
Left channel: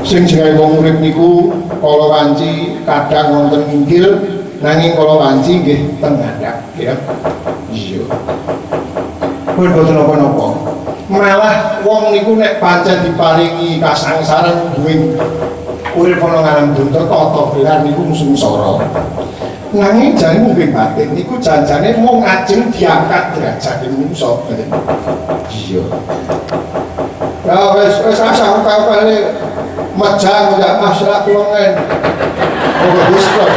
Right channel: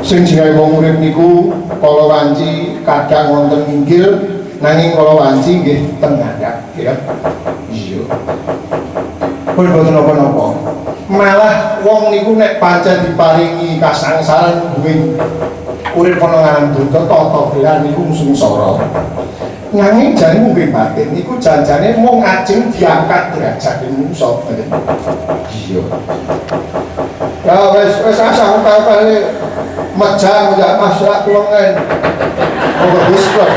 Sing gawe wong urip niku kala wanci kadang wonten inggil nanging kala wanci nggih teng ngandhap ya. Iya. Pun boten napa-napa. Malah wong niku nek pancen diparingi kasangsaran duwe urip ana ngarep donya tata gelar niku sungsara. Nanging jane mungkin batin niku janjane mung ajeng diangkat derajat manungsa ngoten. Iya. Ya wis asah kali majang ya masalah kulongen. Oh bagus kok.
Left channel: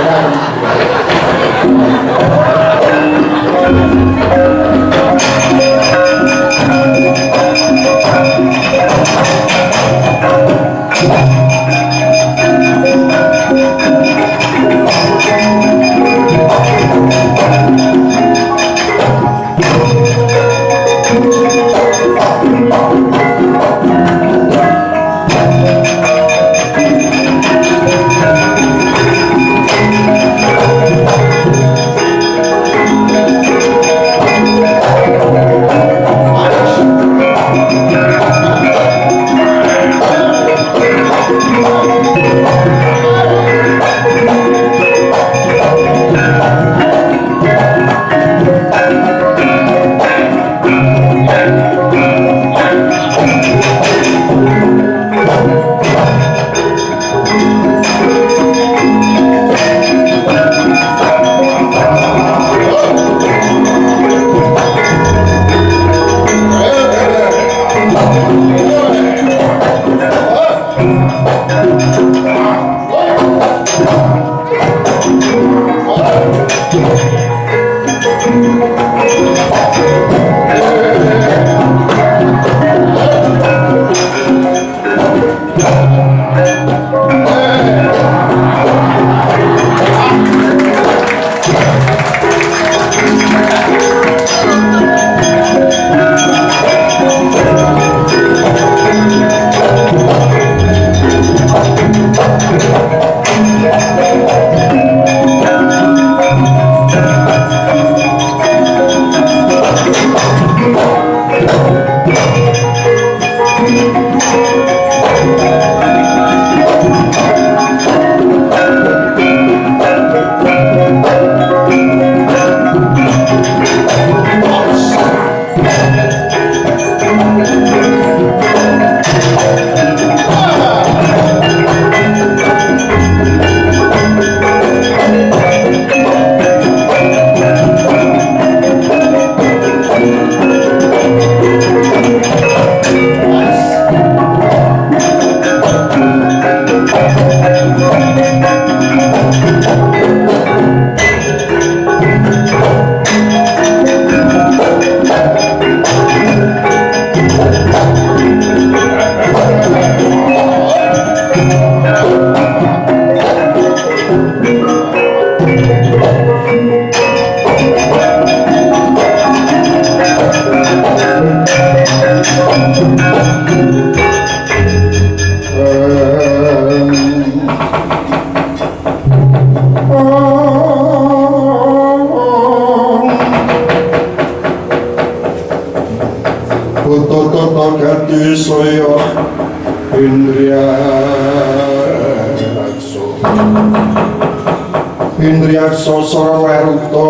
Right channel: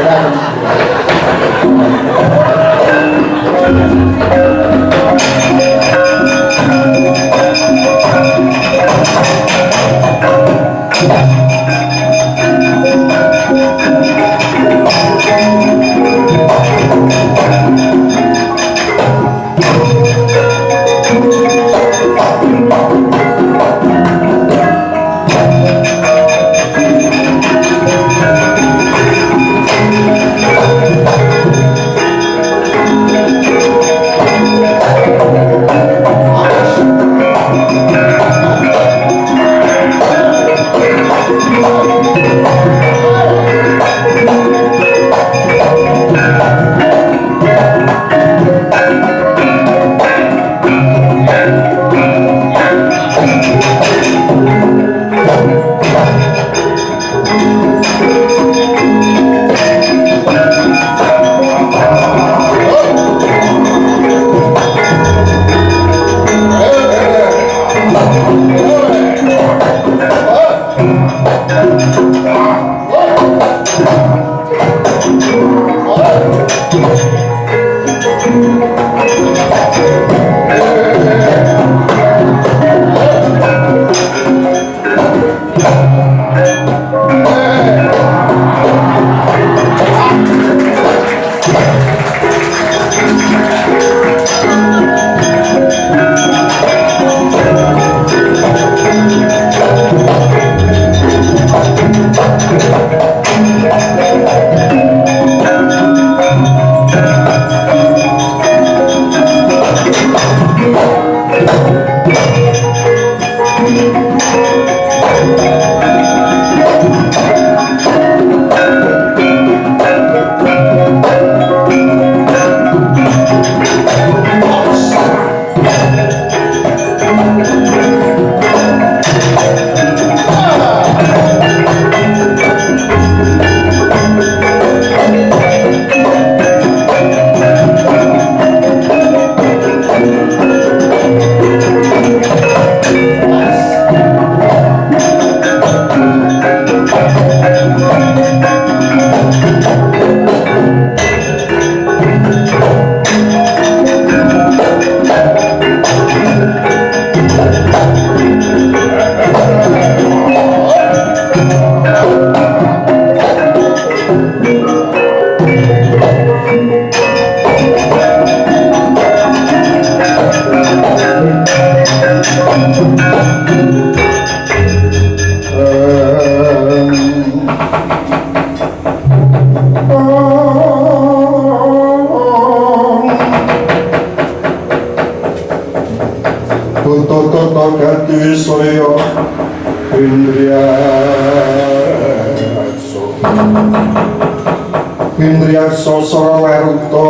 Indriya sosoro weruto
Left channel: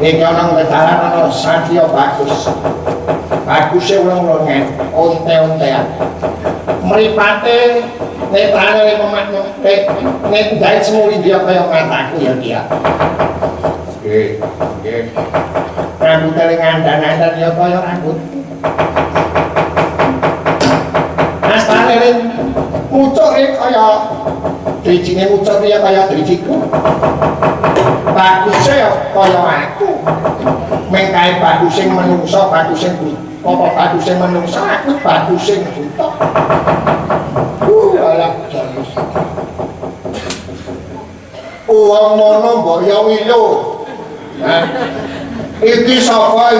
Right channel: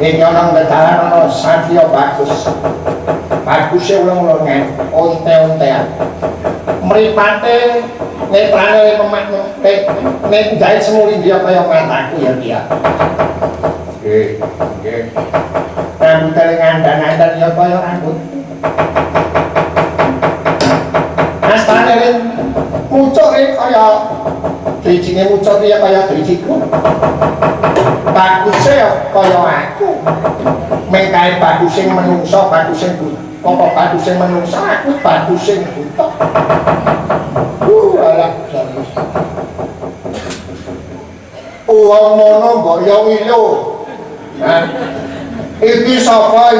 Ini orang bedaran orang Satya bagus bagusnya ulang-ulangan onte-ontean meripate netrane nek jahit semuli dia kaya mataku ya dia rambut ngandan-ngandan ya kaya rambut astane ini mucuk kaya drijine mucuk ya kaya drijiku bagusnya kaya aku mengkai bagus yang menungso bagus yang buta bagus yang menungso aku bagus yang buta alah serius uang mono mbok ya wilo iki sapa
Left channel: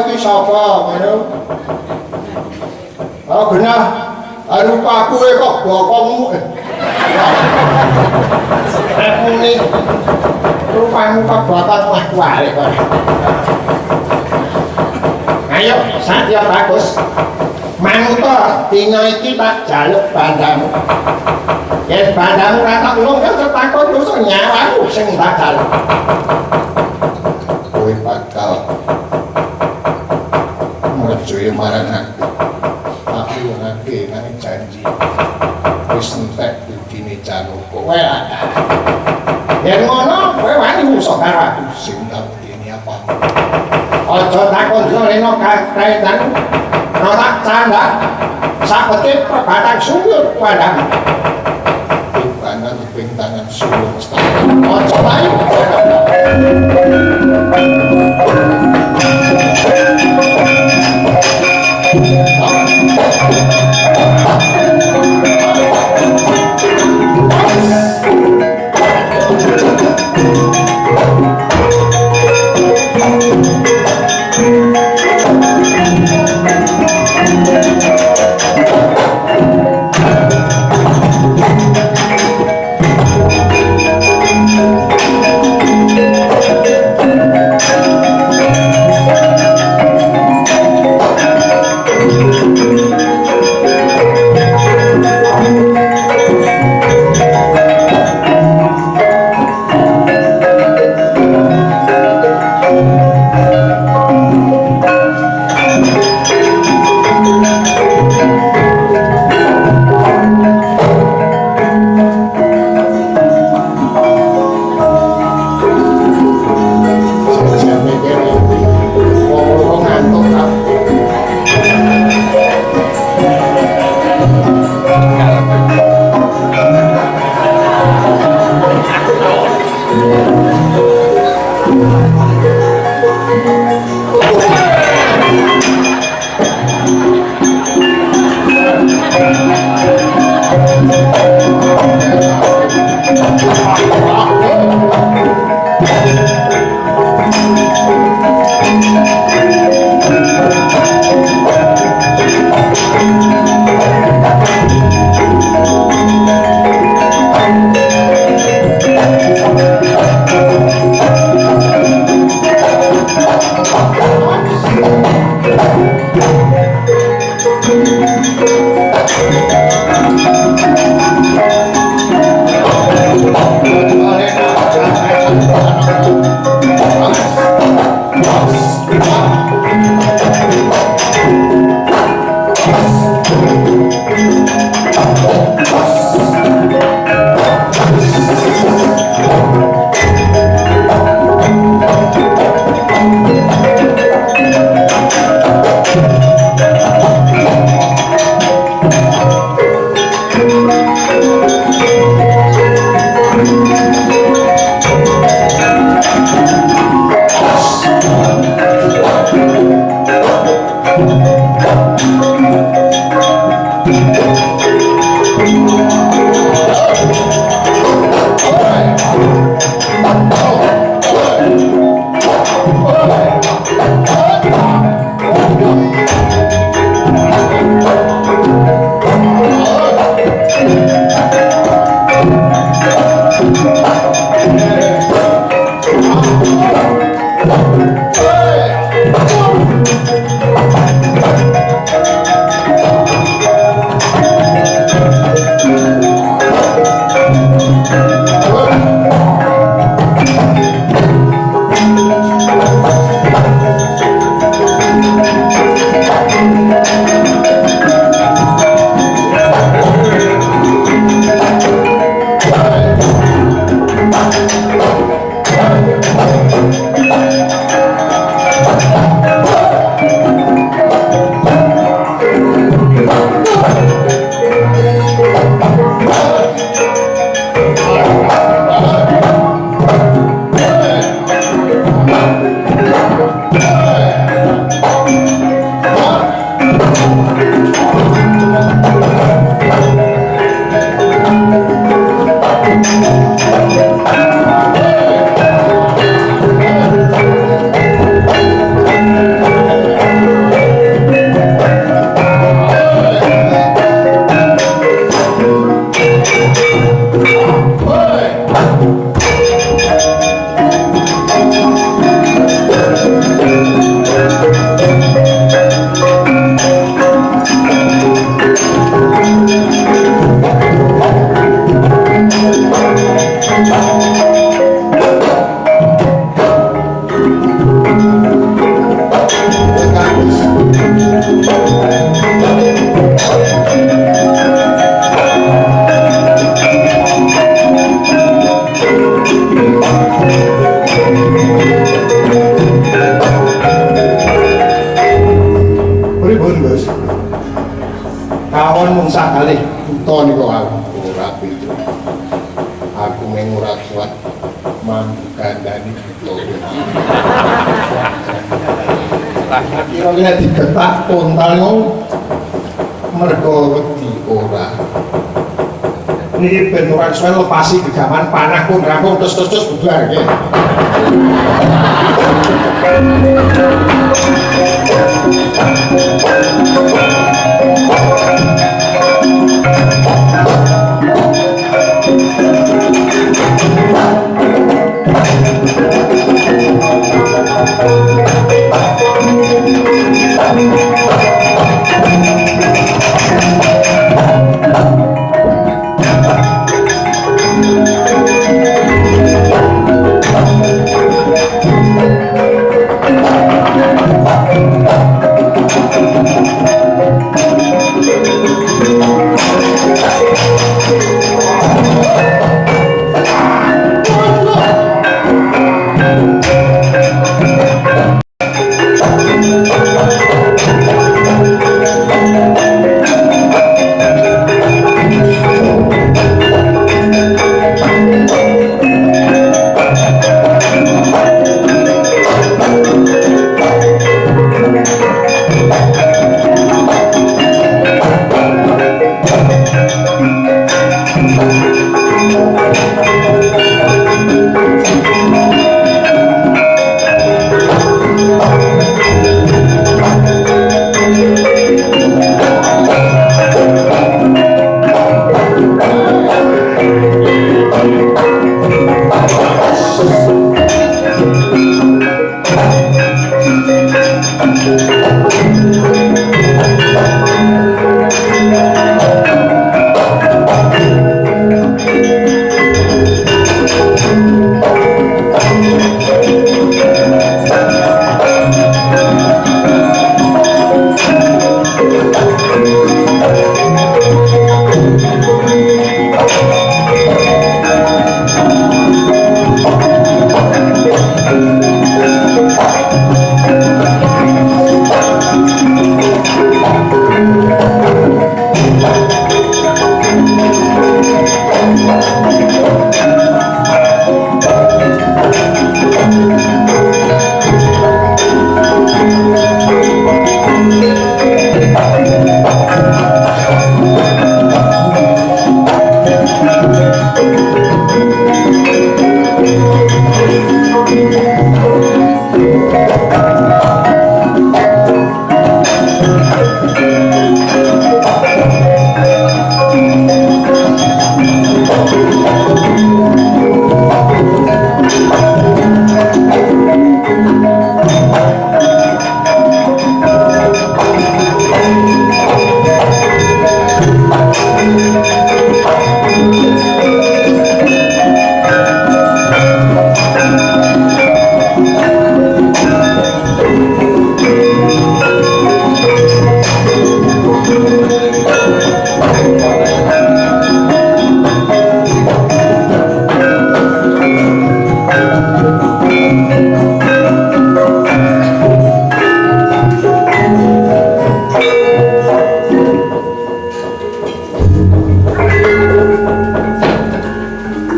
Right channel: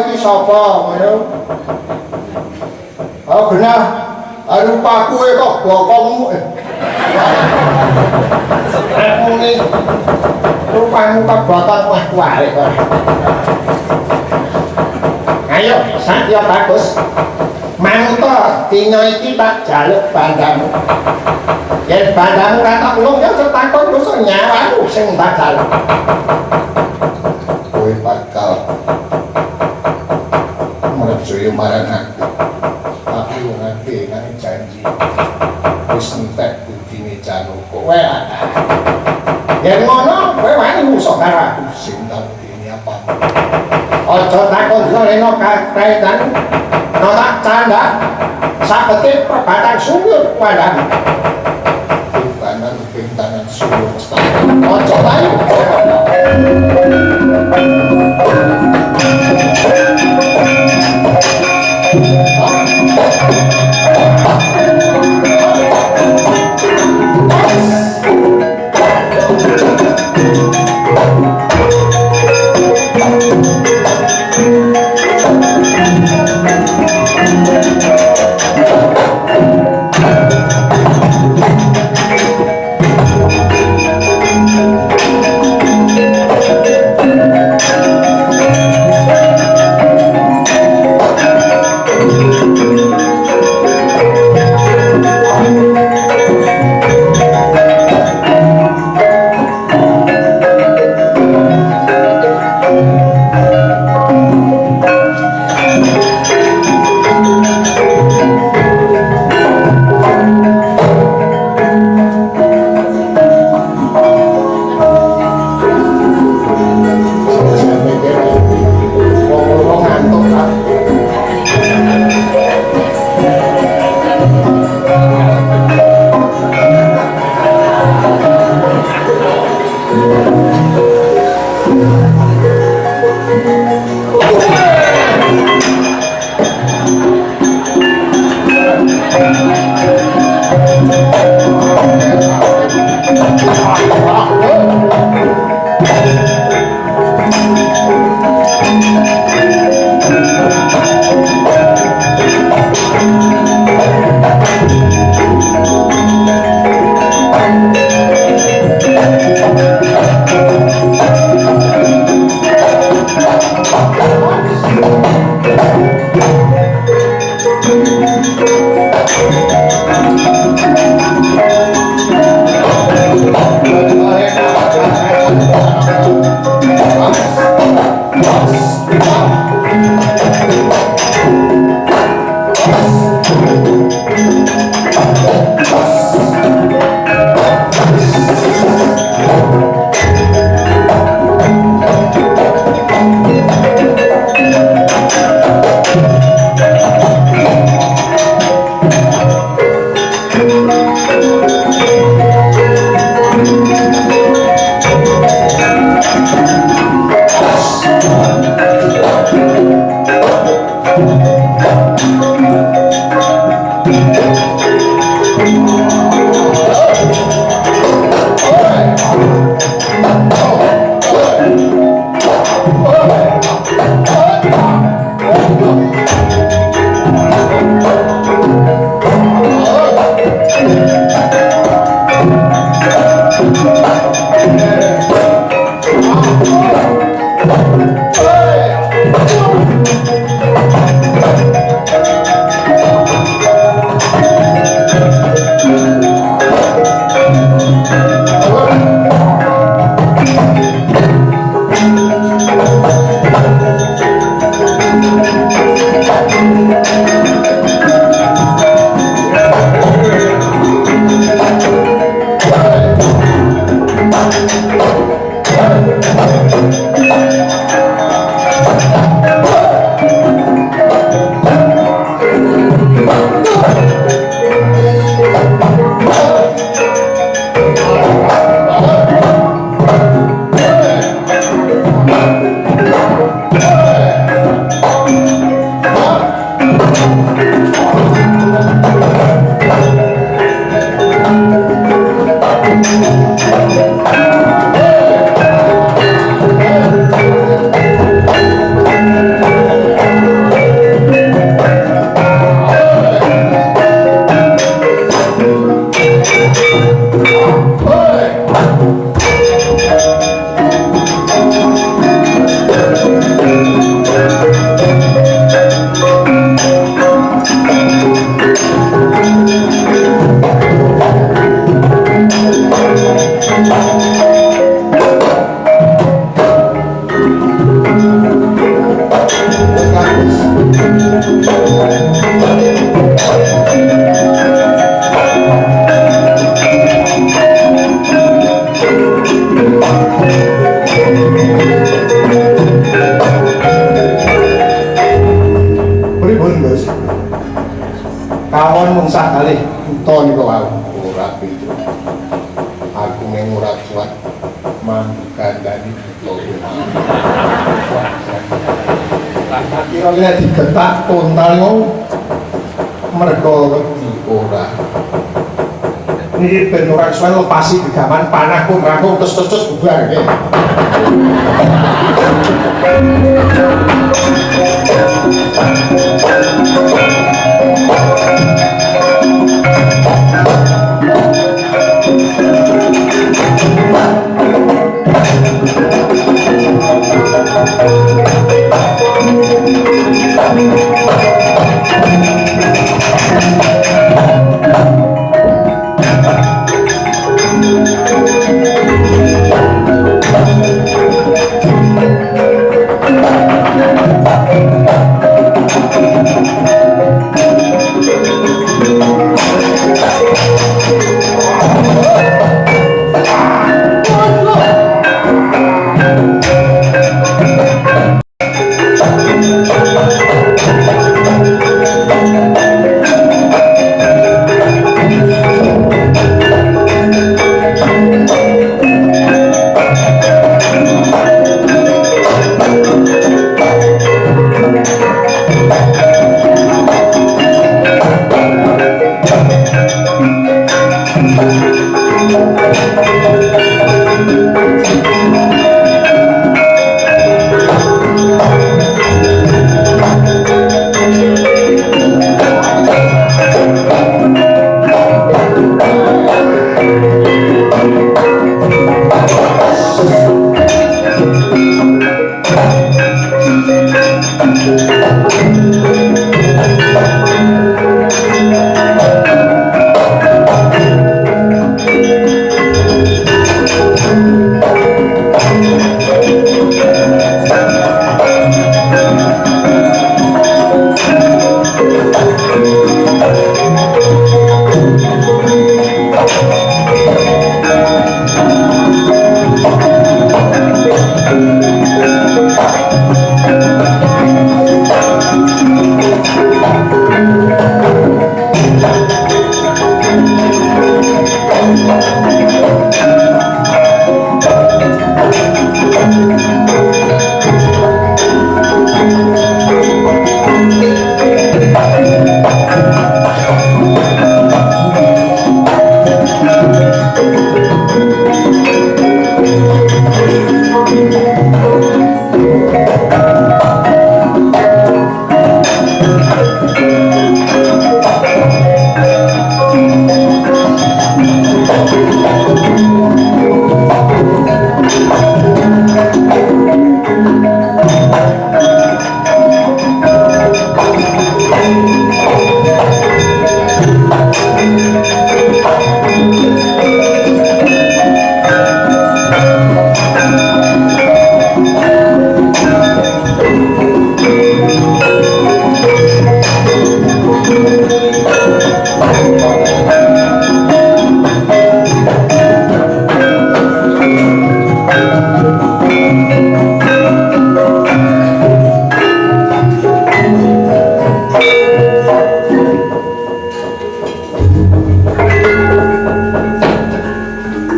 oh genah rupaku kok bokongmu aku ini rupamu kok bokongmu aku arek kok ayo Satya bagus manut dina iki tak jaluk bandamu yen bandamu ra tak ulung ya takon dosa nyawamu sing tak jaluk kowe bakal merjuyo marang aku ngake nang janji wis entek budine Janaka kowe yen ngono kowe wani musuh karo aku sing tak budine apa aja takon reno kaitan norak canda sabetit perbatang sumur padang kanan pintangan sumur aja bayu Kawon mung sakali uta niku ora pitu. Aku mung ora kuat manggandani uta. Lah kira nek digetak tontang mergo wedi ora. Niki ben ora suwe lepasi gegaman panah pun rampung terus bubar nggih.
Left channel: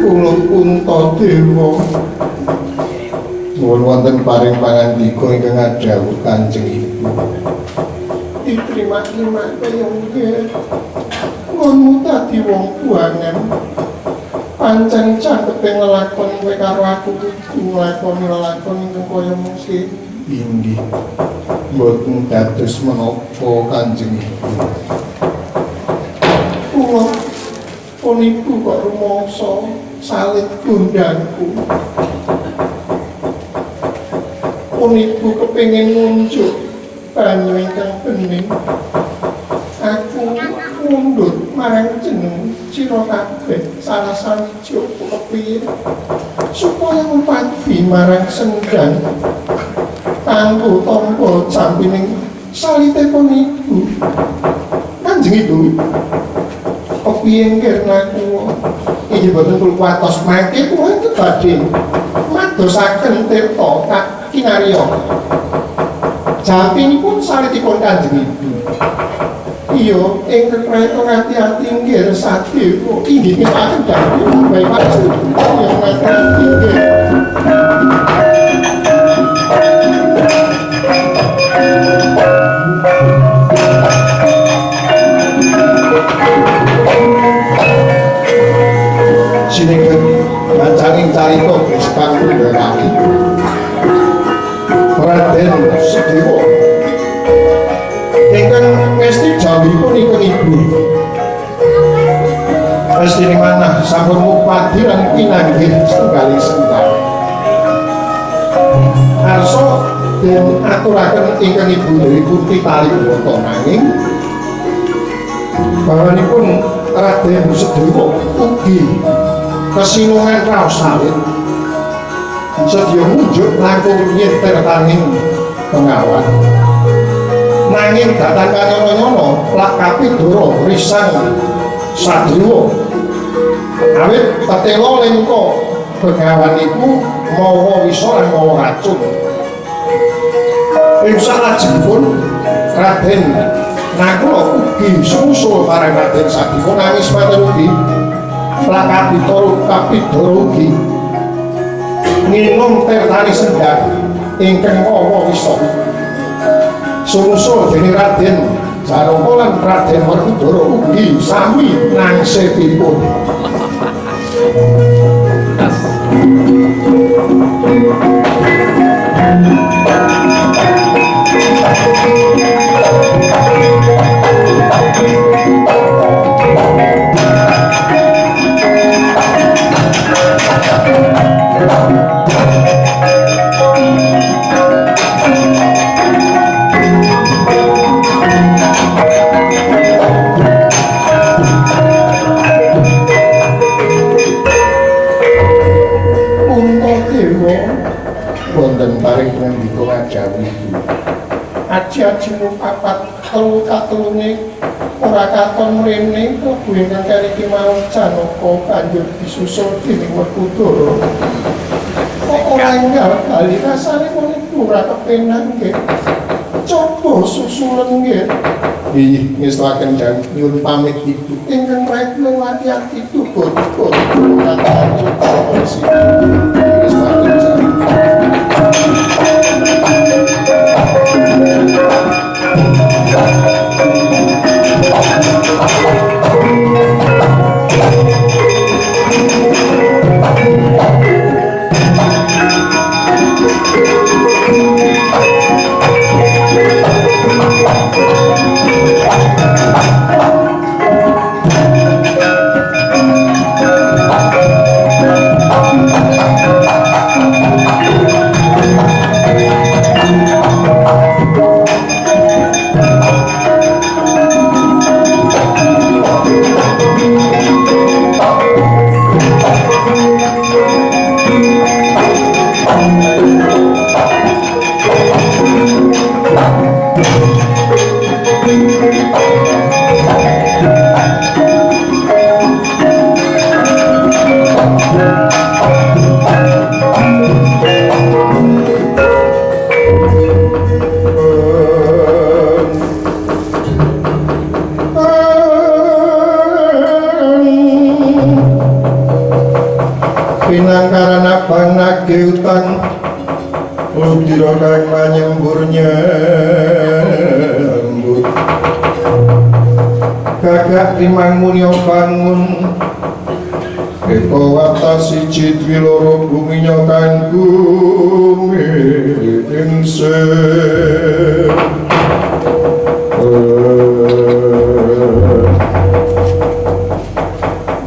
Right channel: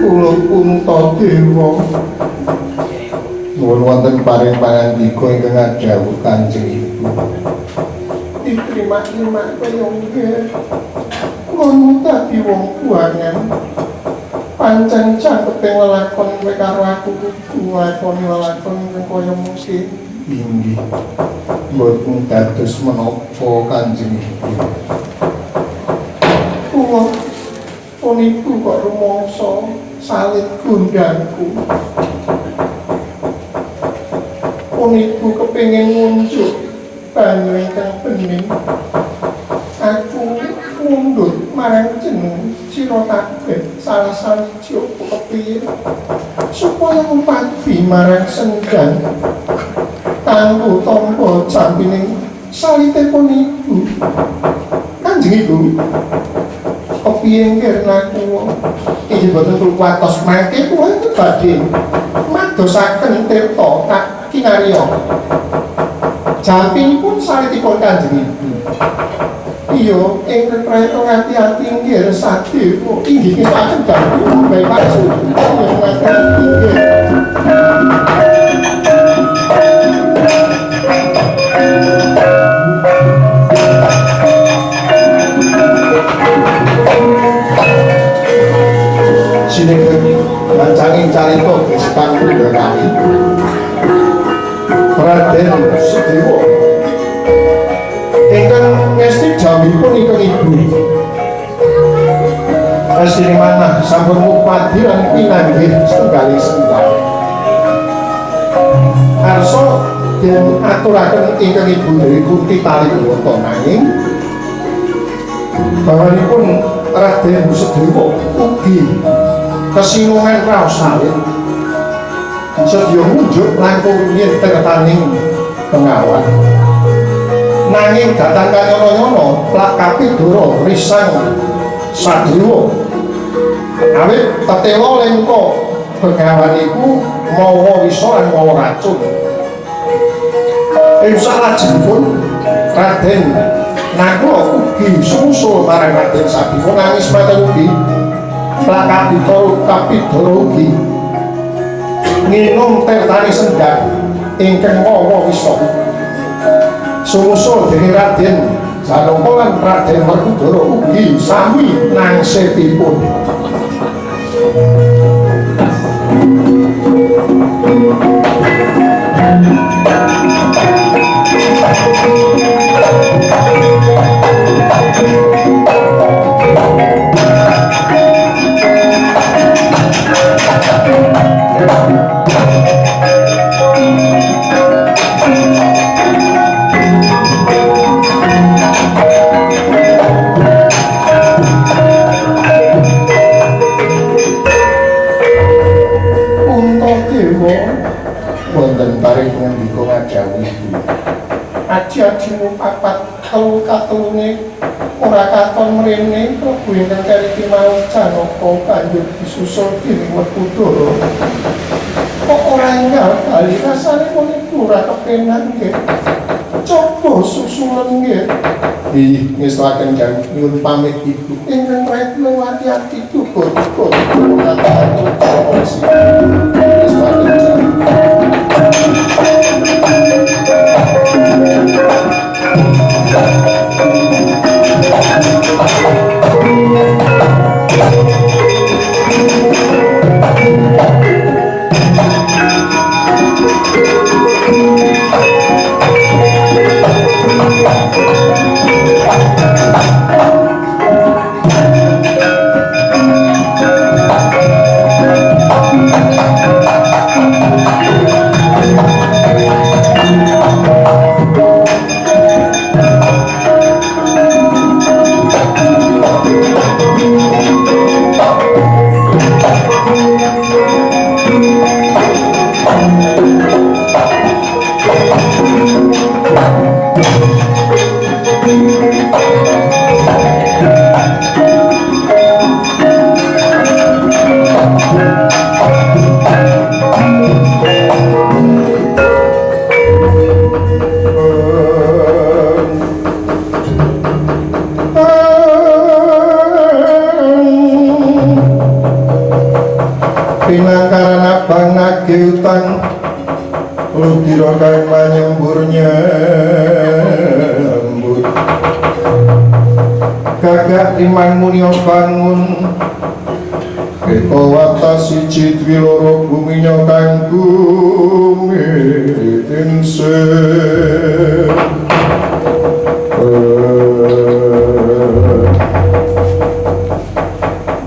kula Puntadewa nuwun wonten paring pangandika ingkang adhawuh Kanjeng Ibu diterima-terima kaya nggih ngono dadi wong buangan pancen caketing lelakon kowe karo aku kudu nglakoni lelakon ingkang kaya mungkin inggih mboten dados menapa Kanjeng Ibu kula puniku kok rumangsa salit gundangku puniku kepengin ngunjuk banyu ingkang bening aku mundhut marang jeneng sira kabeh salah sawiji apa kepiye supaya ngumpati marang sendang kanggo tampa jampining salitipun ibu Kanjeng Ibu kepiye nggirnaku inggih boten perlu kuatos mangke kula badhe madosaken tirta kak kinarya jampinipun salitipun Kanjeng Ibu iya ingkang prayata ngati-ati nggih Sadewa inggih ngepaken damel bae panjenengan yang ngati inggih sinebut bancanging carita Kristan Pindhakari Raden Sedewa ingkang ngesti jawabipun ingkang Ibu mestine manah sampun mupadi lan pinanggih setunggaling sendang arsa den aturaken ingkang Ibu dari Kunti Taliwata nanging bawanipun Raden Sedewa ugi kesinungan raos salit sedya munjuk langkung yen tertaning pengawan nanging datang kanyono-nyono lakapi dura risang Sadewa awit tetela lengko pengawan iku mawa wisa lan mawa racun ing salajengipun Raden Nagara ugi sumusul marang Raden Sadewa nangis maten ugi lakati turu kapidara ugi nginum tertani sendang ingkang mawa wisa sumusul dening Raden Janaka lan Raden Werkudara ugi sami nangsetipun wonten paring ngandika ngajawi aji-aji papat telu katulune ora katon mrene Prabu ingkang kariki mau Janaka banjur disusul dening Werkudara kok ora enggal kali rasane meniku ora kepenak nggih coba susulen nggih ih ngestaken nyuwun pamit Ibu ingkang retno ati-ati tuga-tuga pinangkaran abang nagih utang ludira kang manyemburnya lembut gagak timang mulia bangun Eko wata siji dwi loro buminya kanggo insen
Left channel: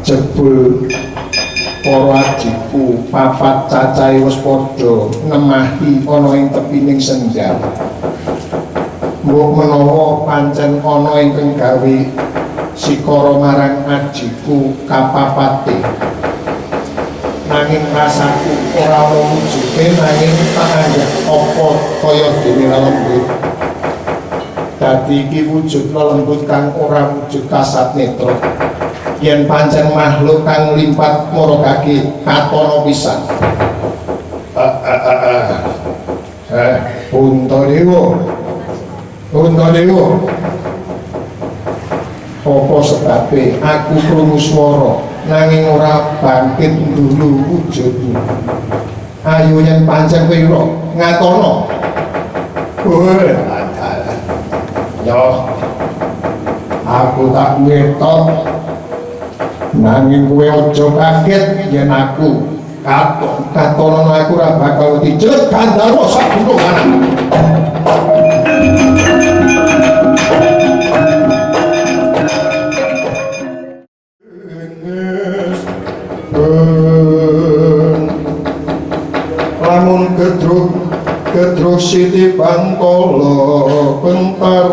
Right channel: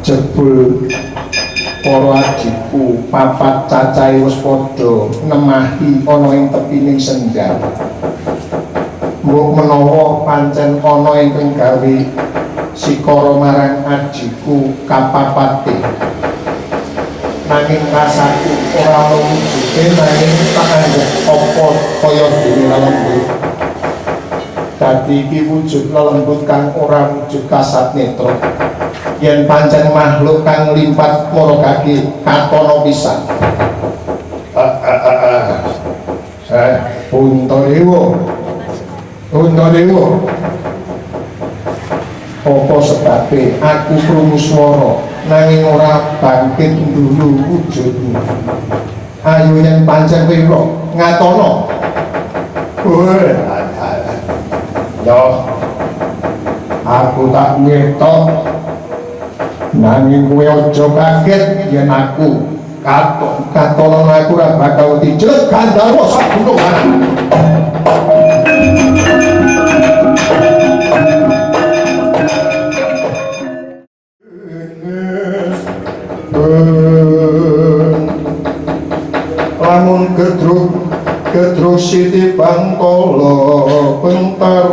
jebul para adikku papat cacahe wis padha nemahi ana ing tepining senja mbok menawa pancen ana ingkang gawe sikara marang adikku kapapate nanging rasaku ora ana wujude nanging tak anggap apa kaya dene lembut dadi iki wujud lelembut kang ora wujud kasat netra yen pancen makhluk kang limpat maragake katono pisan Puntadewa apa sebabe aku krungu swara nanging ora bangkit ndulu wujudmu ayo yen pancen kowe ngatono yo aku tak ngetok nanging kowe aja kaget yen aku katono aku ora bakal dijelek Gandharwa sak gunungan lamun gedruk siti bangkala bentar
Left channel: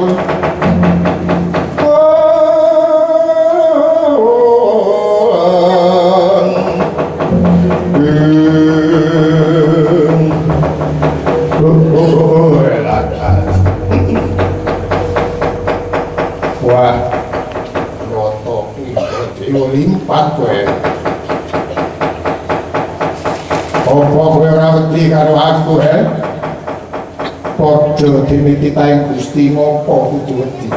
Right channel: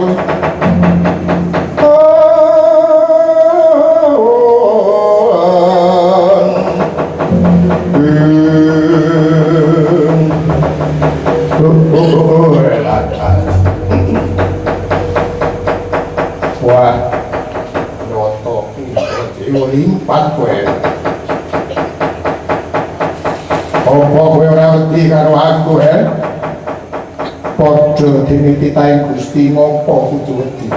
wah noto dewa limpat kowe apa kowe ora wedi karo aku padha dimititaing Gusti ngopo kudu wedi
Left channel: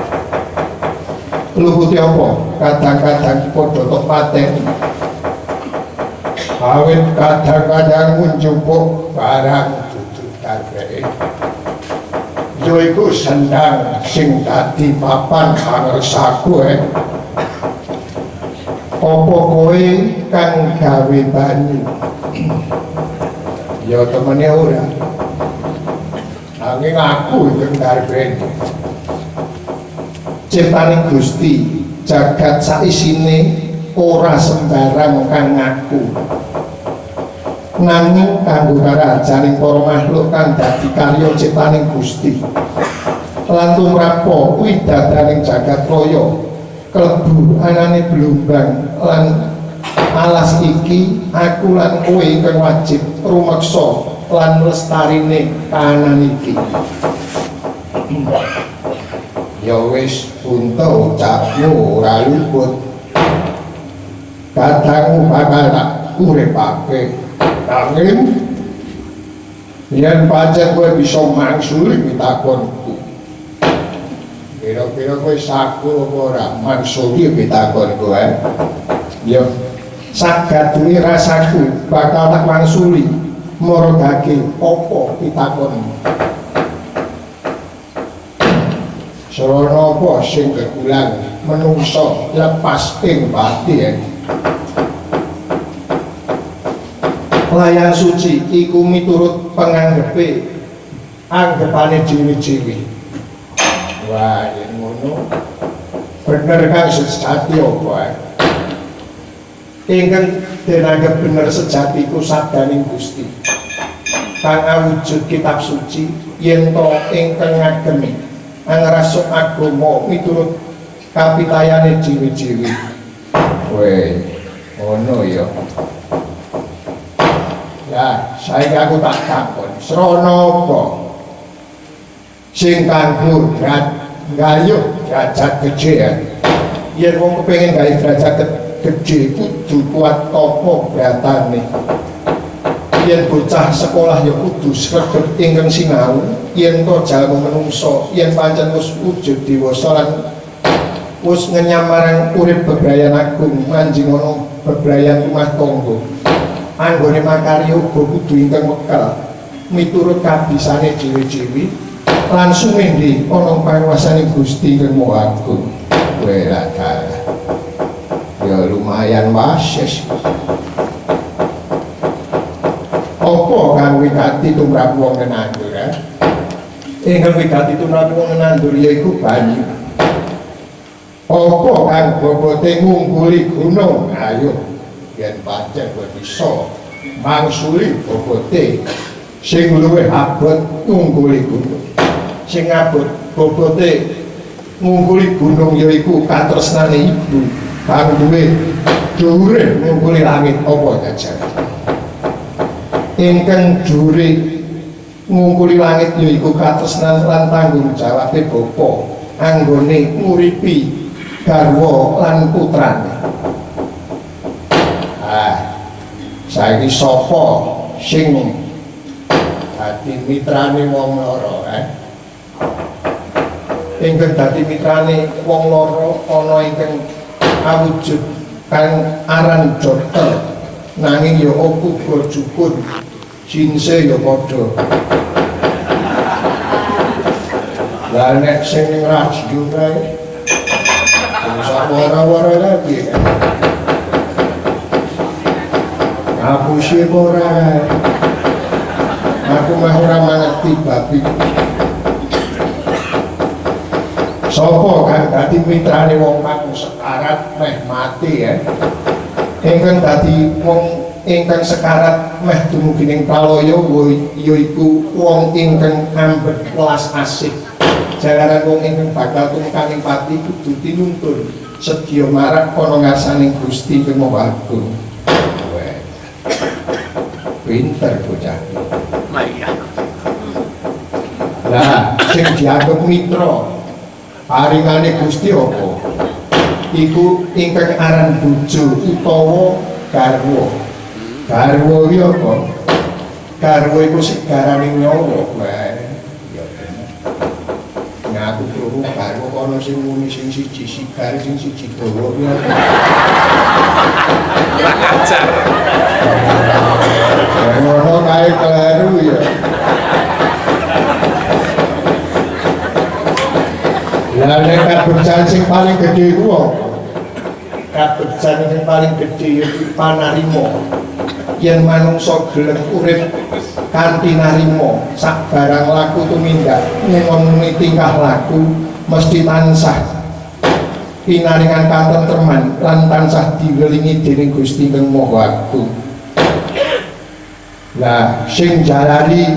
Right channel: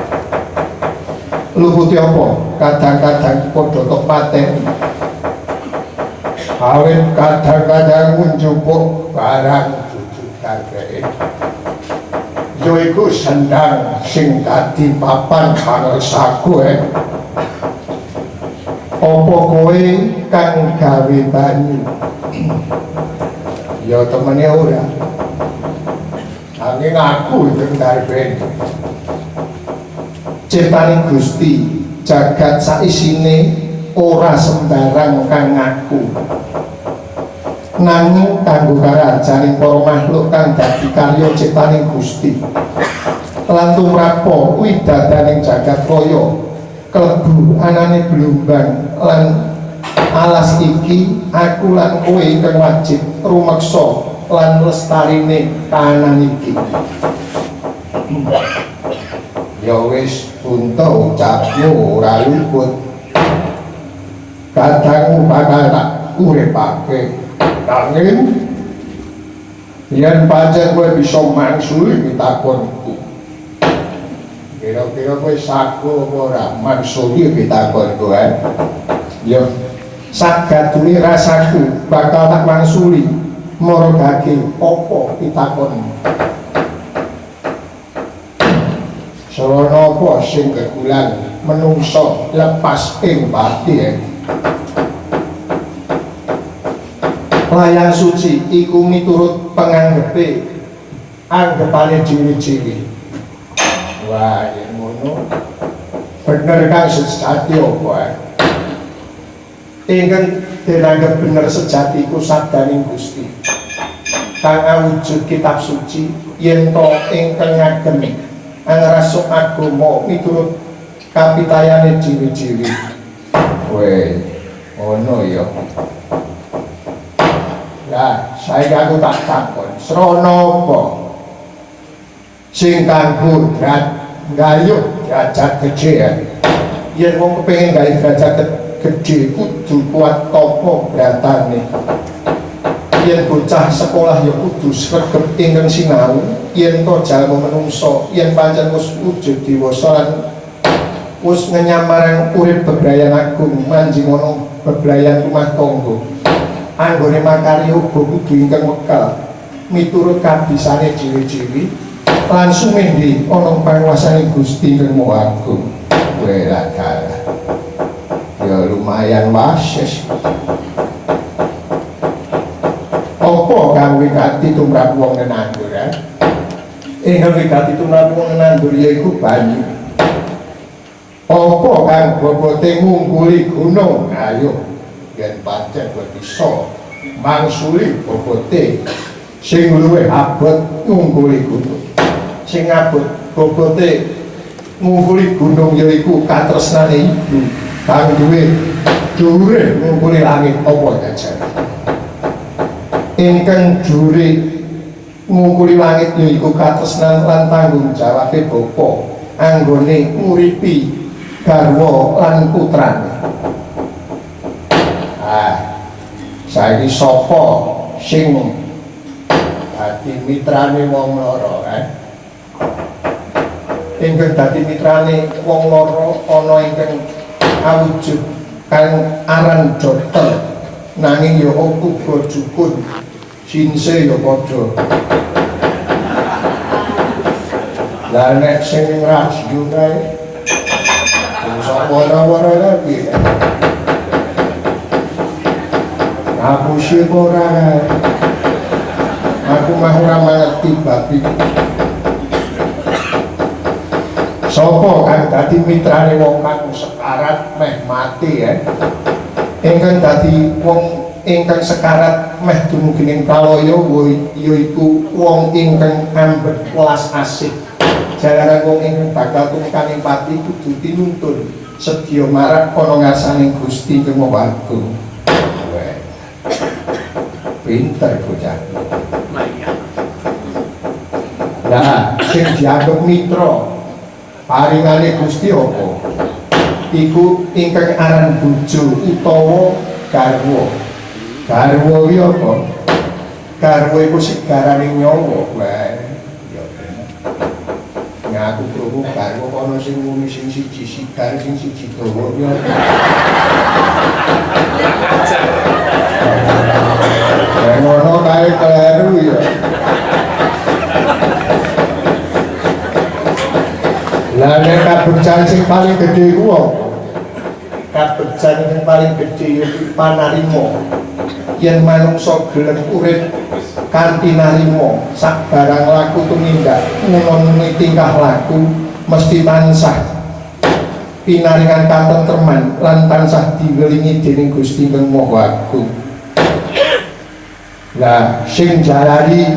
luhuti apa kadang-kadang padha tok pateni awit kadang-kadang njupuk barang dudu kageke yo iku sendang sing dadi papan pangersaku apa kowe kang gawe banyu ya temene ora nanging aku sing darben ciptaning Gusti jagat saisine ora sembarang kang ngaku nanging kanggo karajaning para makhluk kang dadi karya ciptaning Gusti lan tumrapo widadaning jagat raya klebu anane blumbang lan alas iki aku lan kowe ingkang wajib rumeksa lan lestarine kahanan iki ya wis punta ucapmu ora luput kadangmu bakal tak uripake nanging yen pancen kowe bisa mangsuli pitakonku kira-kira kowe saku apa ora mangsuli pitakonku ya sagadune rasaku bakal tak mangsuli maragake apa pitakonmu sarana apa sing kegulang menungso lepas ing pati layang suci iku miturut penganggepe anggepane jiwi-jiwi wah yen ngono bener kang sejati apa ingkang dianggep bener sejati iku sabdaning Gusti kang awujud kitab suci yen to ingkang ngagem angrasuk agama miturut kapitayane jiwi-jiwi weh ngono ya lah saiki aku tak takon srana apa sing kanggo gayuh derajat gedhe yen wong kepengin gawe derajat gedhe kudu kuat apa beratane yen bocah sekolah ya kudu sregep ingkang sinau yen to jalma menungso yen pancen wis wujud dewasa lan wis ngenyam marang urip bebrayan agung manjing ana bebrayan rumah tangga anggone makarya uga kudu ingkang wekal miturut kabisane dhewe-dhewe lan sumendhe ana panguwasaning Gusti Kang Maha Agung. Wela dalah. Ya lumayan wases. Apa kang wigati tumrap wong nenandur? Ingkang wigati tumrap wong nenandur yaiku banyu. Apa kang bobote ngungkuli gunung? Ayo yen pancen bisa mangsuli bobote sing luwih abot ngungkuli gunung. Sing abot bobote ngungkuli gunung yaiku katresnane ibu kang duwe dhuwure ngungkuli langit apa jajar. Ingkang dhuwure ngungkuli langit yaiku katresnan lan tanggung jawabe bapa anggone nguripi garwa lan putrane. Saiki sapa sing dadi mitrane wong lara ingkang dadi mitrane wong lara ana ingkang awujud kang aran Jotel nanging ya uga jukun sinse ya padha. Lah nek sing ning radio kae iso ora-ora lagi. Aku sih ora. Aku mah ora mangerti babi. Sopo kang dadi mitrane wong kang sekarat meh mati ya. Ingkang dadi wong ingkang sekarat meh dumugining kalaya yaiku wong ingkang ambet welas asih. Jalaran wong ingkang bakal tumekaning pati kudu tinuntun sedya marang ana ngarsaning Gusti Kang Maha Agung. Pinter bocah. Nah, sing dianggep mitra paringane Gusti apa? Iku ingkang aran bojo utawa garwa. Garwa iki apa? Garwa iku sigarane nyawa. Wah, ya bener. Ngaku krungu garwa ana sing muni sing siji sigar sing siji dawa. Ngono kae kleru ya. Lah nek kabegjan sing paling gedhe ku apa? Kabegjan sing paling gedhe yaiku panarima. Yen manungsa gelem urip kanthi narima sak barang laku tumindak ngomong tingkah laku mesti tansah pinaringan katentreman lan tansah diwelingi dening Gusti Kang Maha Agung. Lah sing jalari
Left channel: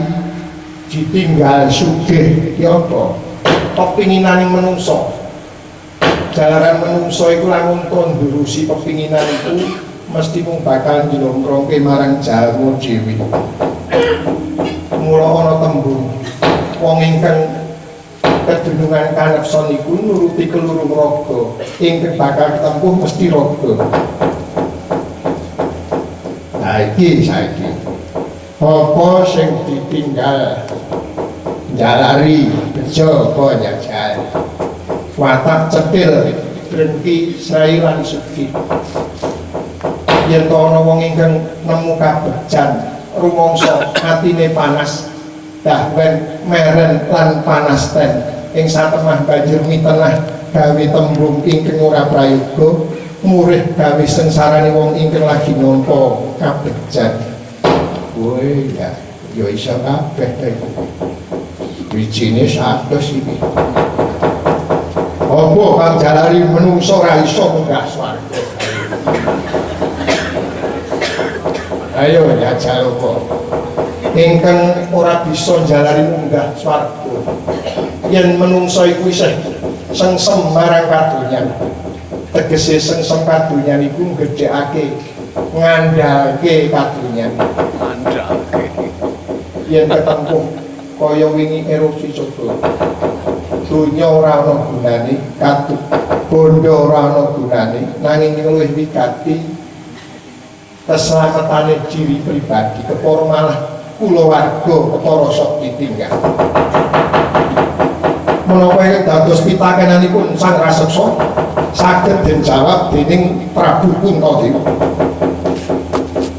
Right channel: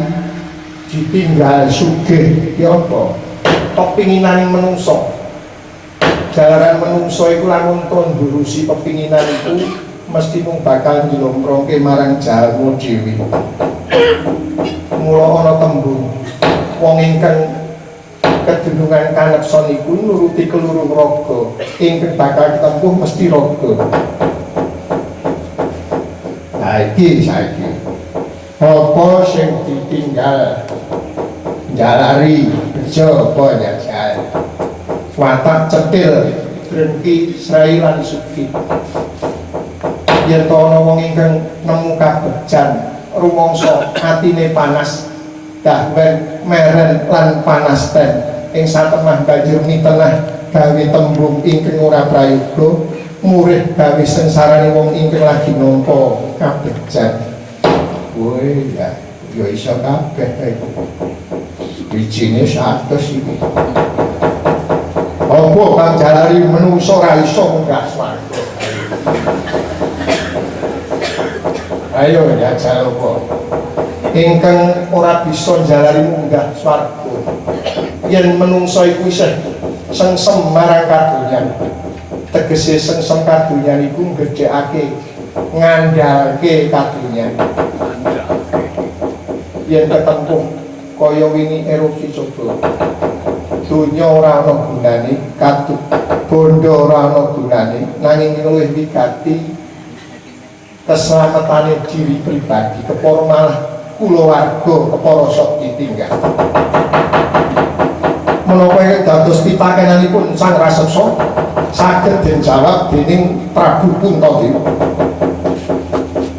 ditinggal sugih ki apa? Pepinginane menungso. Jalaran menungso iku lamun ndurusi pepinginan iku mesti mung bakal njlongkrongke marang jalmu dhewe. Mula ana tembung wong ingkang kedunungan kaneksa niku nuruti kelurung raga, ingkang bakal ditempuh mesti raga. Nah iki saiki apa sing ditinggal jalari bejo apa jajal watak cetil drengki srai lan sugih. Yen ana wong ingkang nemu kabegjan rumangsa atine panas dahwen meren lan panas ten ing satemah banjur mitenah gawe tembung ingkang ora prayoga murih gawe sengsarane wong ingkang lagi nampa kabegjan. Woi ya, yo iso kabeh iku. Wijine 100 iki. Apa kang jalari menungso ora iso munggah swarga. Ayo jajal apa? Ingkang ora bisa jalari munggah swarga. Yen menungso iku isih sengsem marang kadonyan. Tegese sengsem kadonyan iku gedhekake ngandalke kadonyan. Yen ketempuh kaya wingi erupsi coba dunya ora ana gunane katut bondo ora ana gunane nanging luwih wigati keselamatan diri pribadi kepara malah kulawarga kepara sok ditinggal. Menapa ingkang dados pitakenanipun sang raseksa saged den jawab dening Prabu Puntadewa.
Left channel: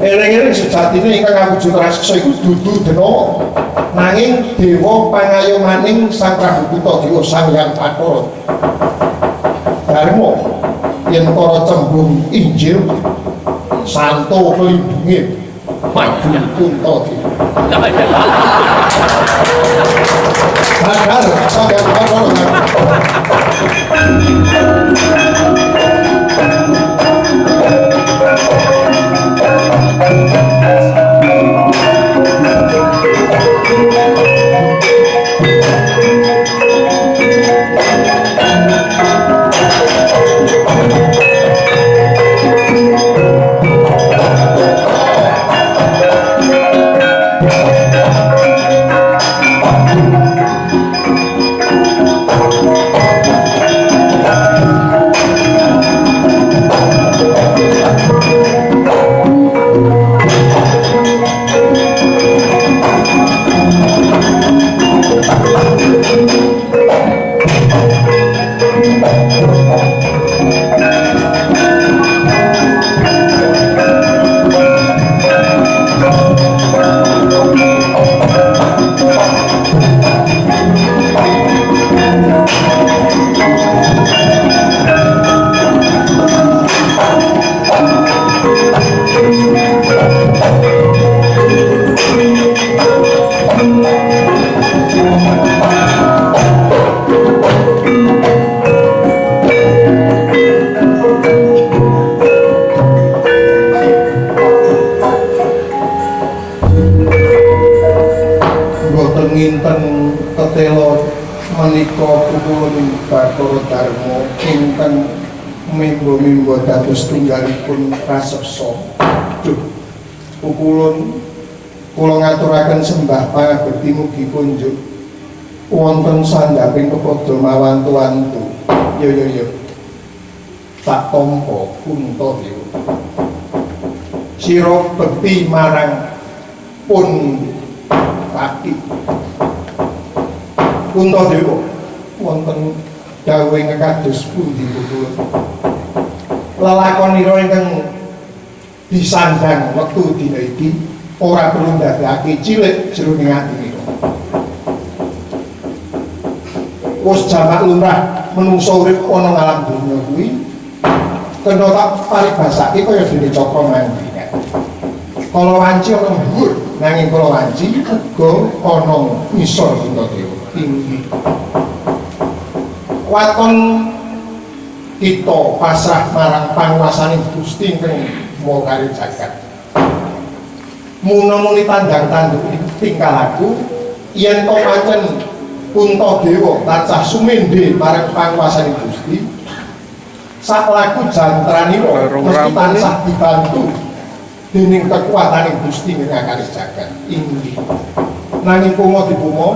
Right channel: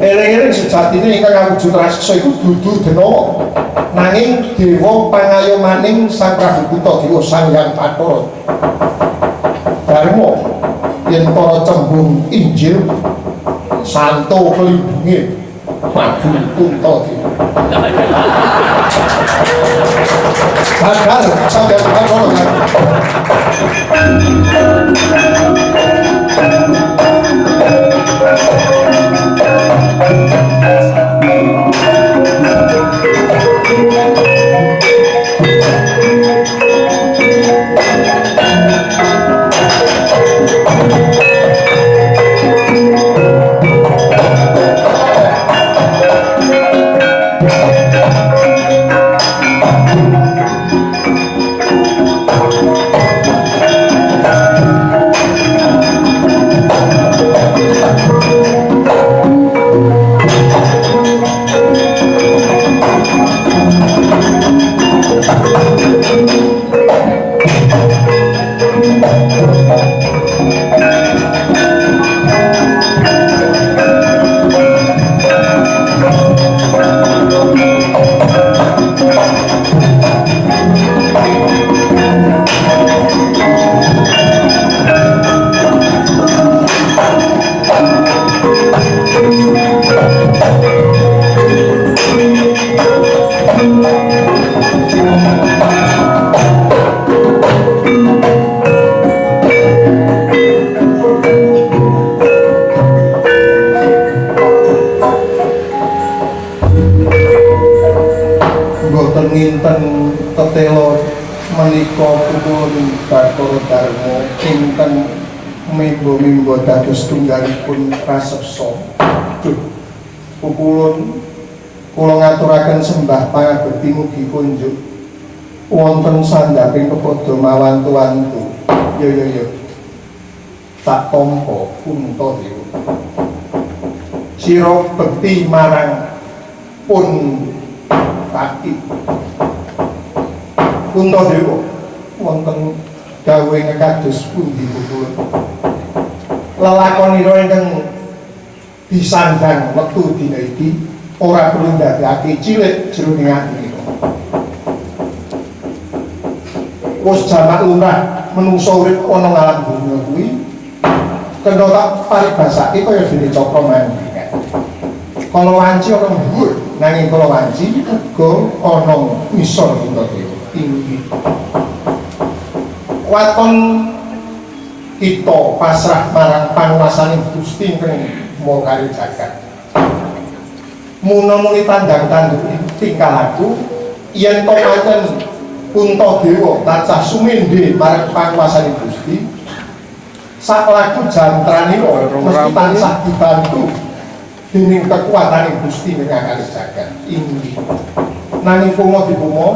Eling-eling sejatine ingkang awujud raseksa iku dudu Denawa, nanging dewa pangayomaning Sang Prabu Puntadewa Sang Hyang Bathara. Darma yen para cembung Injil santo kelindunge maju Puntadewa. Bagar Sang Hyang Bathara. Mimbo dados tunggalipun raseksa. Pukulun kula ngaturaken sembah pangabekti mugi kunjuk wonten sandhaping kepada mawantu-wantu. Yo tak tampa Puntadewa. Sira bekti marang pun kaki Puntadewa wonten dawuh ingkang kados pundi pukulun? Lelakonira ingkang disandang wektu dina iki ora perlu ndadekake cilik jroning ati. Wis jamak lumrah menungsa urip ana ngalam donya kuwi kena tak paribasake kaya dene Cakra Mandingan. Kala wanci ana dhuwur nanging kala wanci uga ana ngisor Puntadewa tinggi. Waton kita pasrah marang panguwasaning Gusti ingkang maha kari jagat. Muna-muni tandang-tanduk tingkah laku yen to pancen Puntadewa tansah sumendhe marang panguwasaning Gusti, sak laku jantranira mesti tansah dibantu dening kekuataning Gusti ingkang kari jagat. Inggih. Nanging pomo dipomo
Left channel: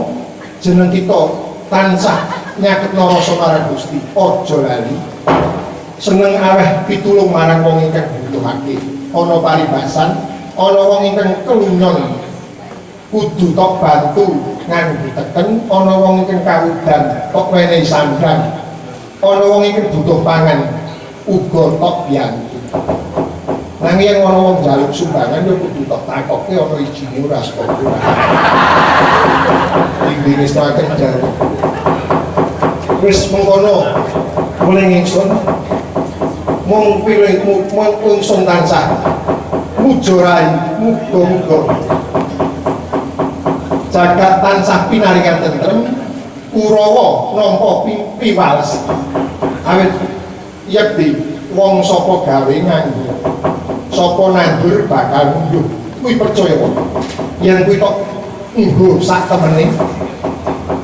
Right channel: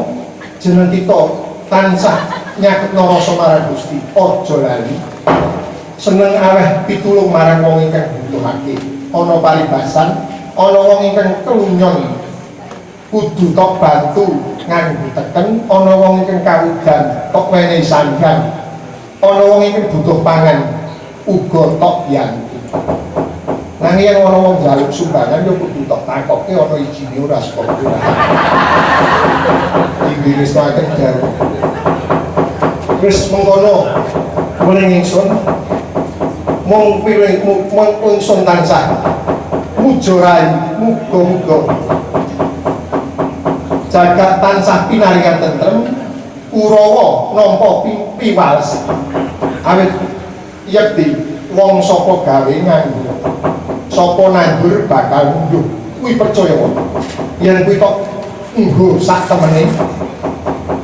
jeneng kita tansah nyaketna rasa marang Gusti, aja lali seneng aweh pitulung marang wong ingkang butuhake. Ana paribasan, ana wong ingkang kelunyon kudu tok bantu nganggo teken, ana wong ingkang kawudan tok menehi sandang, ana wong ingkang butuh pangan uga tok biyantu. Nanging yen ana wong njaluk sumbangan yo kudu tok takoke ana ijine ora saka ora. Iki wis tak jare. Wis mengkono muling ingsun mung pilih mung ingsun tansah mujorai muga-muga jagat tansah pinaringan tentrem Kurawa nampa piwales awit yekti wong sapa gawe nganggo sapa nandur bakal ngunduh kuwi percaya wae yen kuwi kok nggo sak temene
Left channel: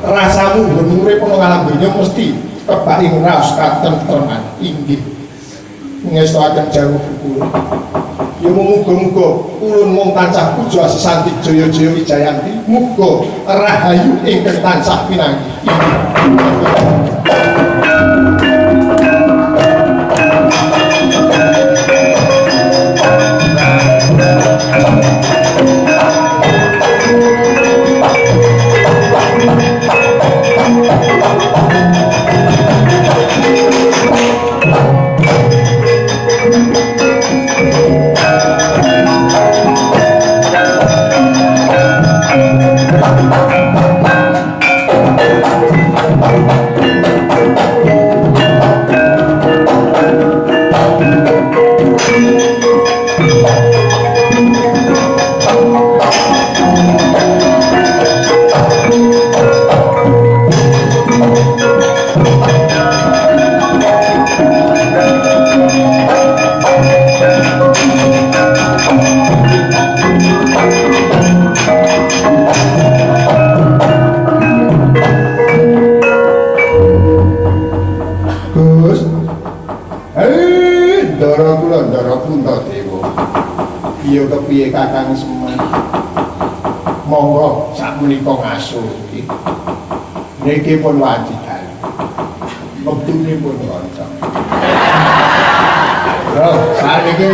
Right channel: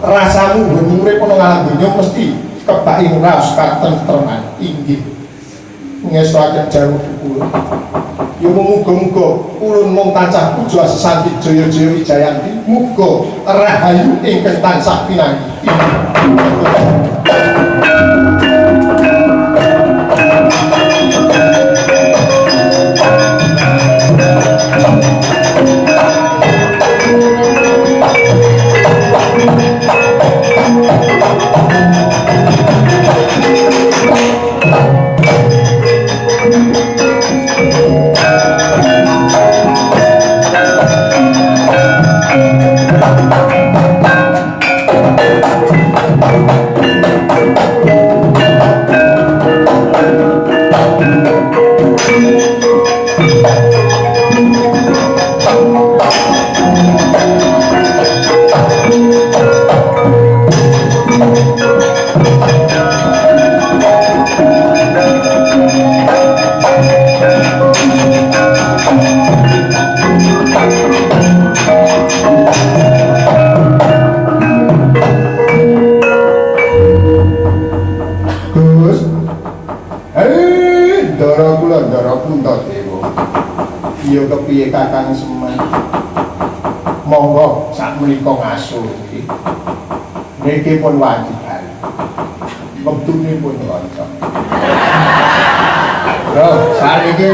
rasamu urip ana ngalam donya mesti kebak raos katentreman. Inggih ngestaken jamu pukulun ya muga-muga ulun mung tansah puja sesanti jaya-jaya wijayanti, muga rahayu ingkang tansah pinanggih. kepiye Kakang Semar? Monggo sak menika ngasuh iki. Niki pun wajiban. Wektune pun kanca. Lho, saniki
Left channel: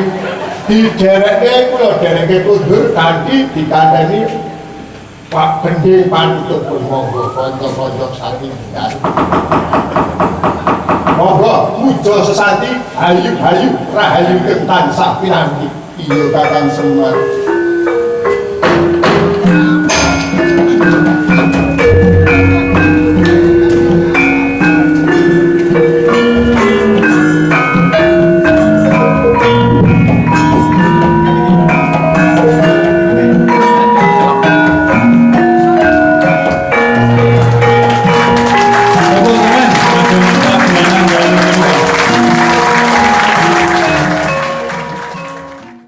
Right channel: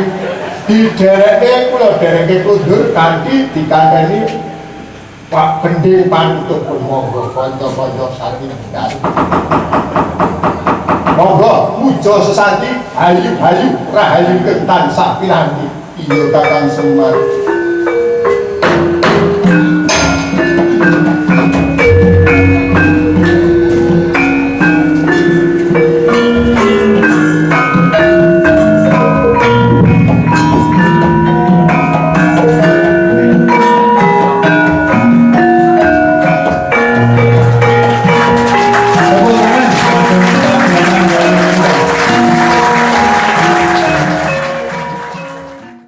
didereke kula dereke kundur kanthi dikandani Pak Bendi Panutup pun monggo kanca-kanca satinggal. Monggo muja sesanti hayu-hayu rahayu tansah pinanggih. Iya Kakang Semar.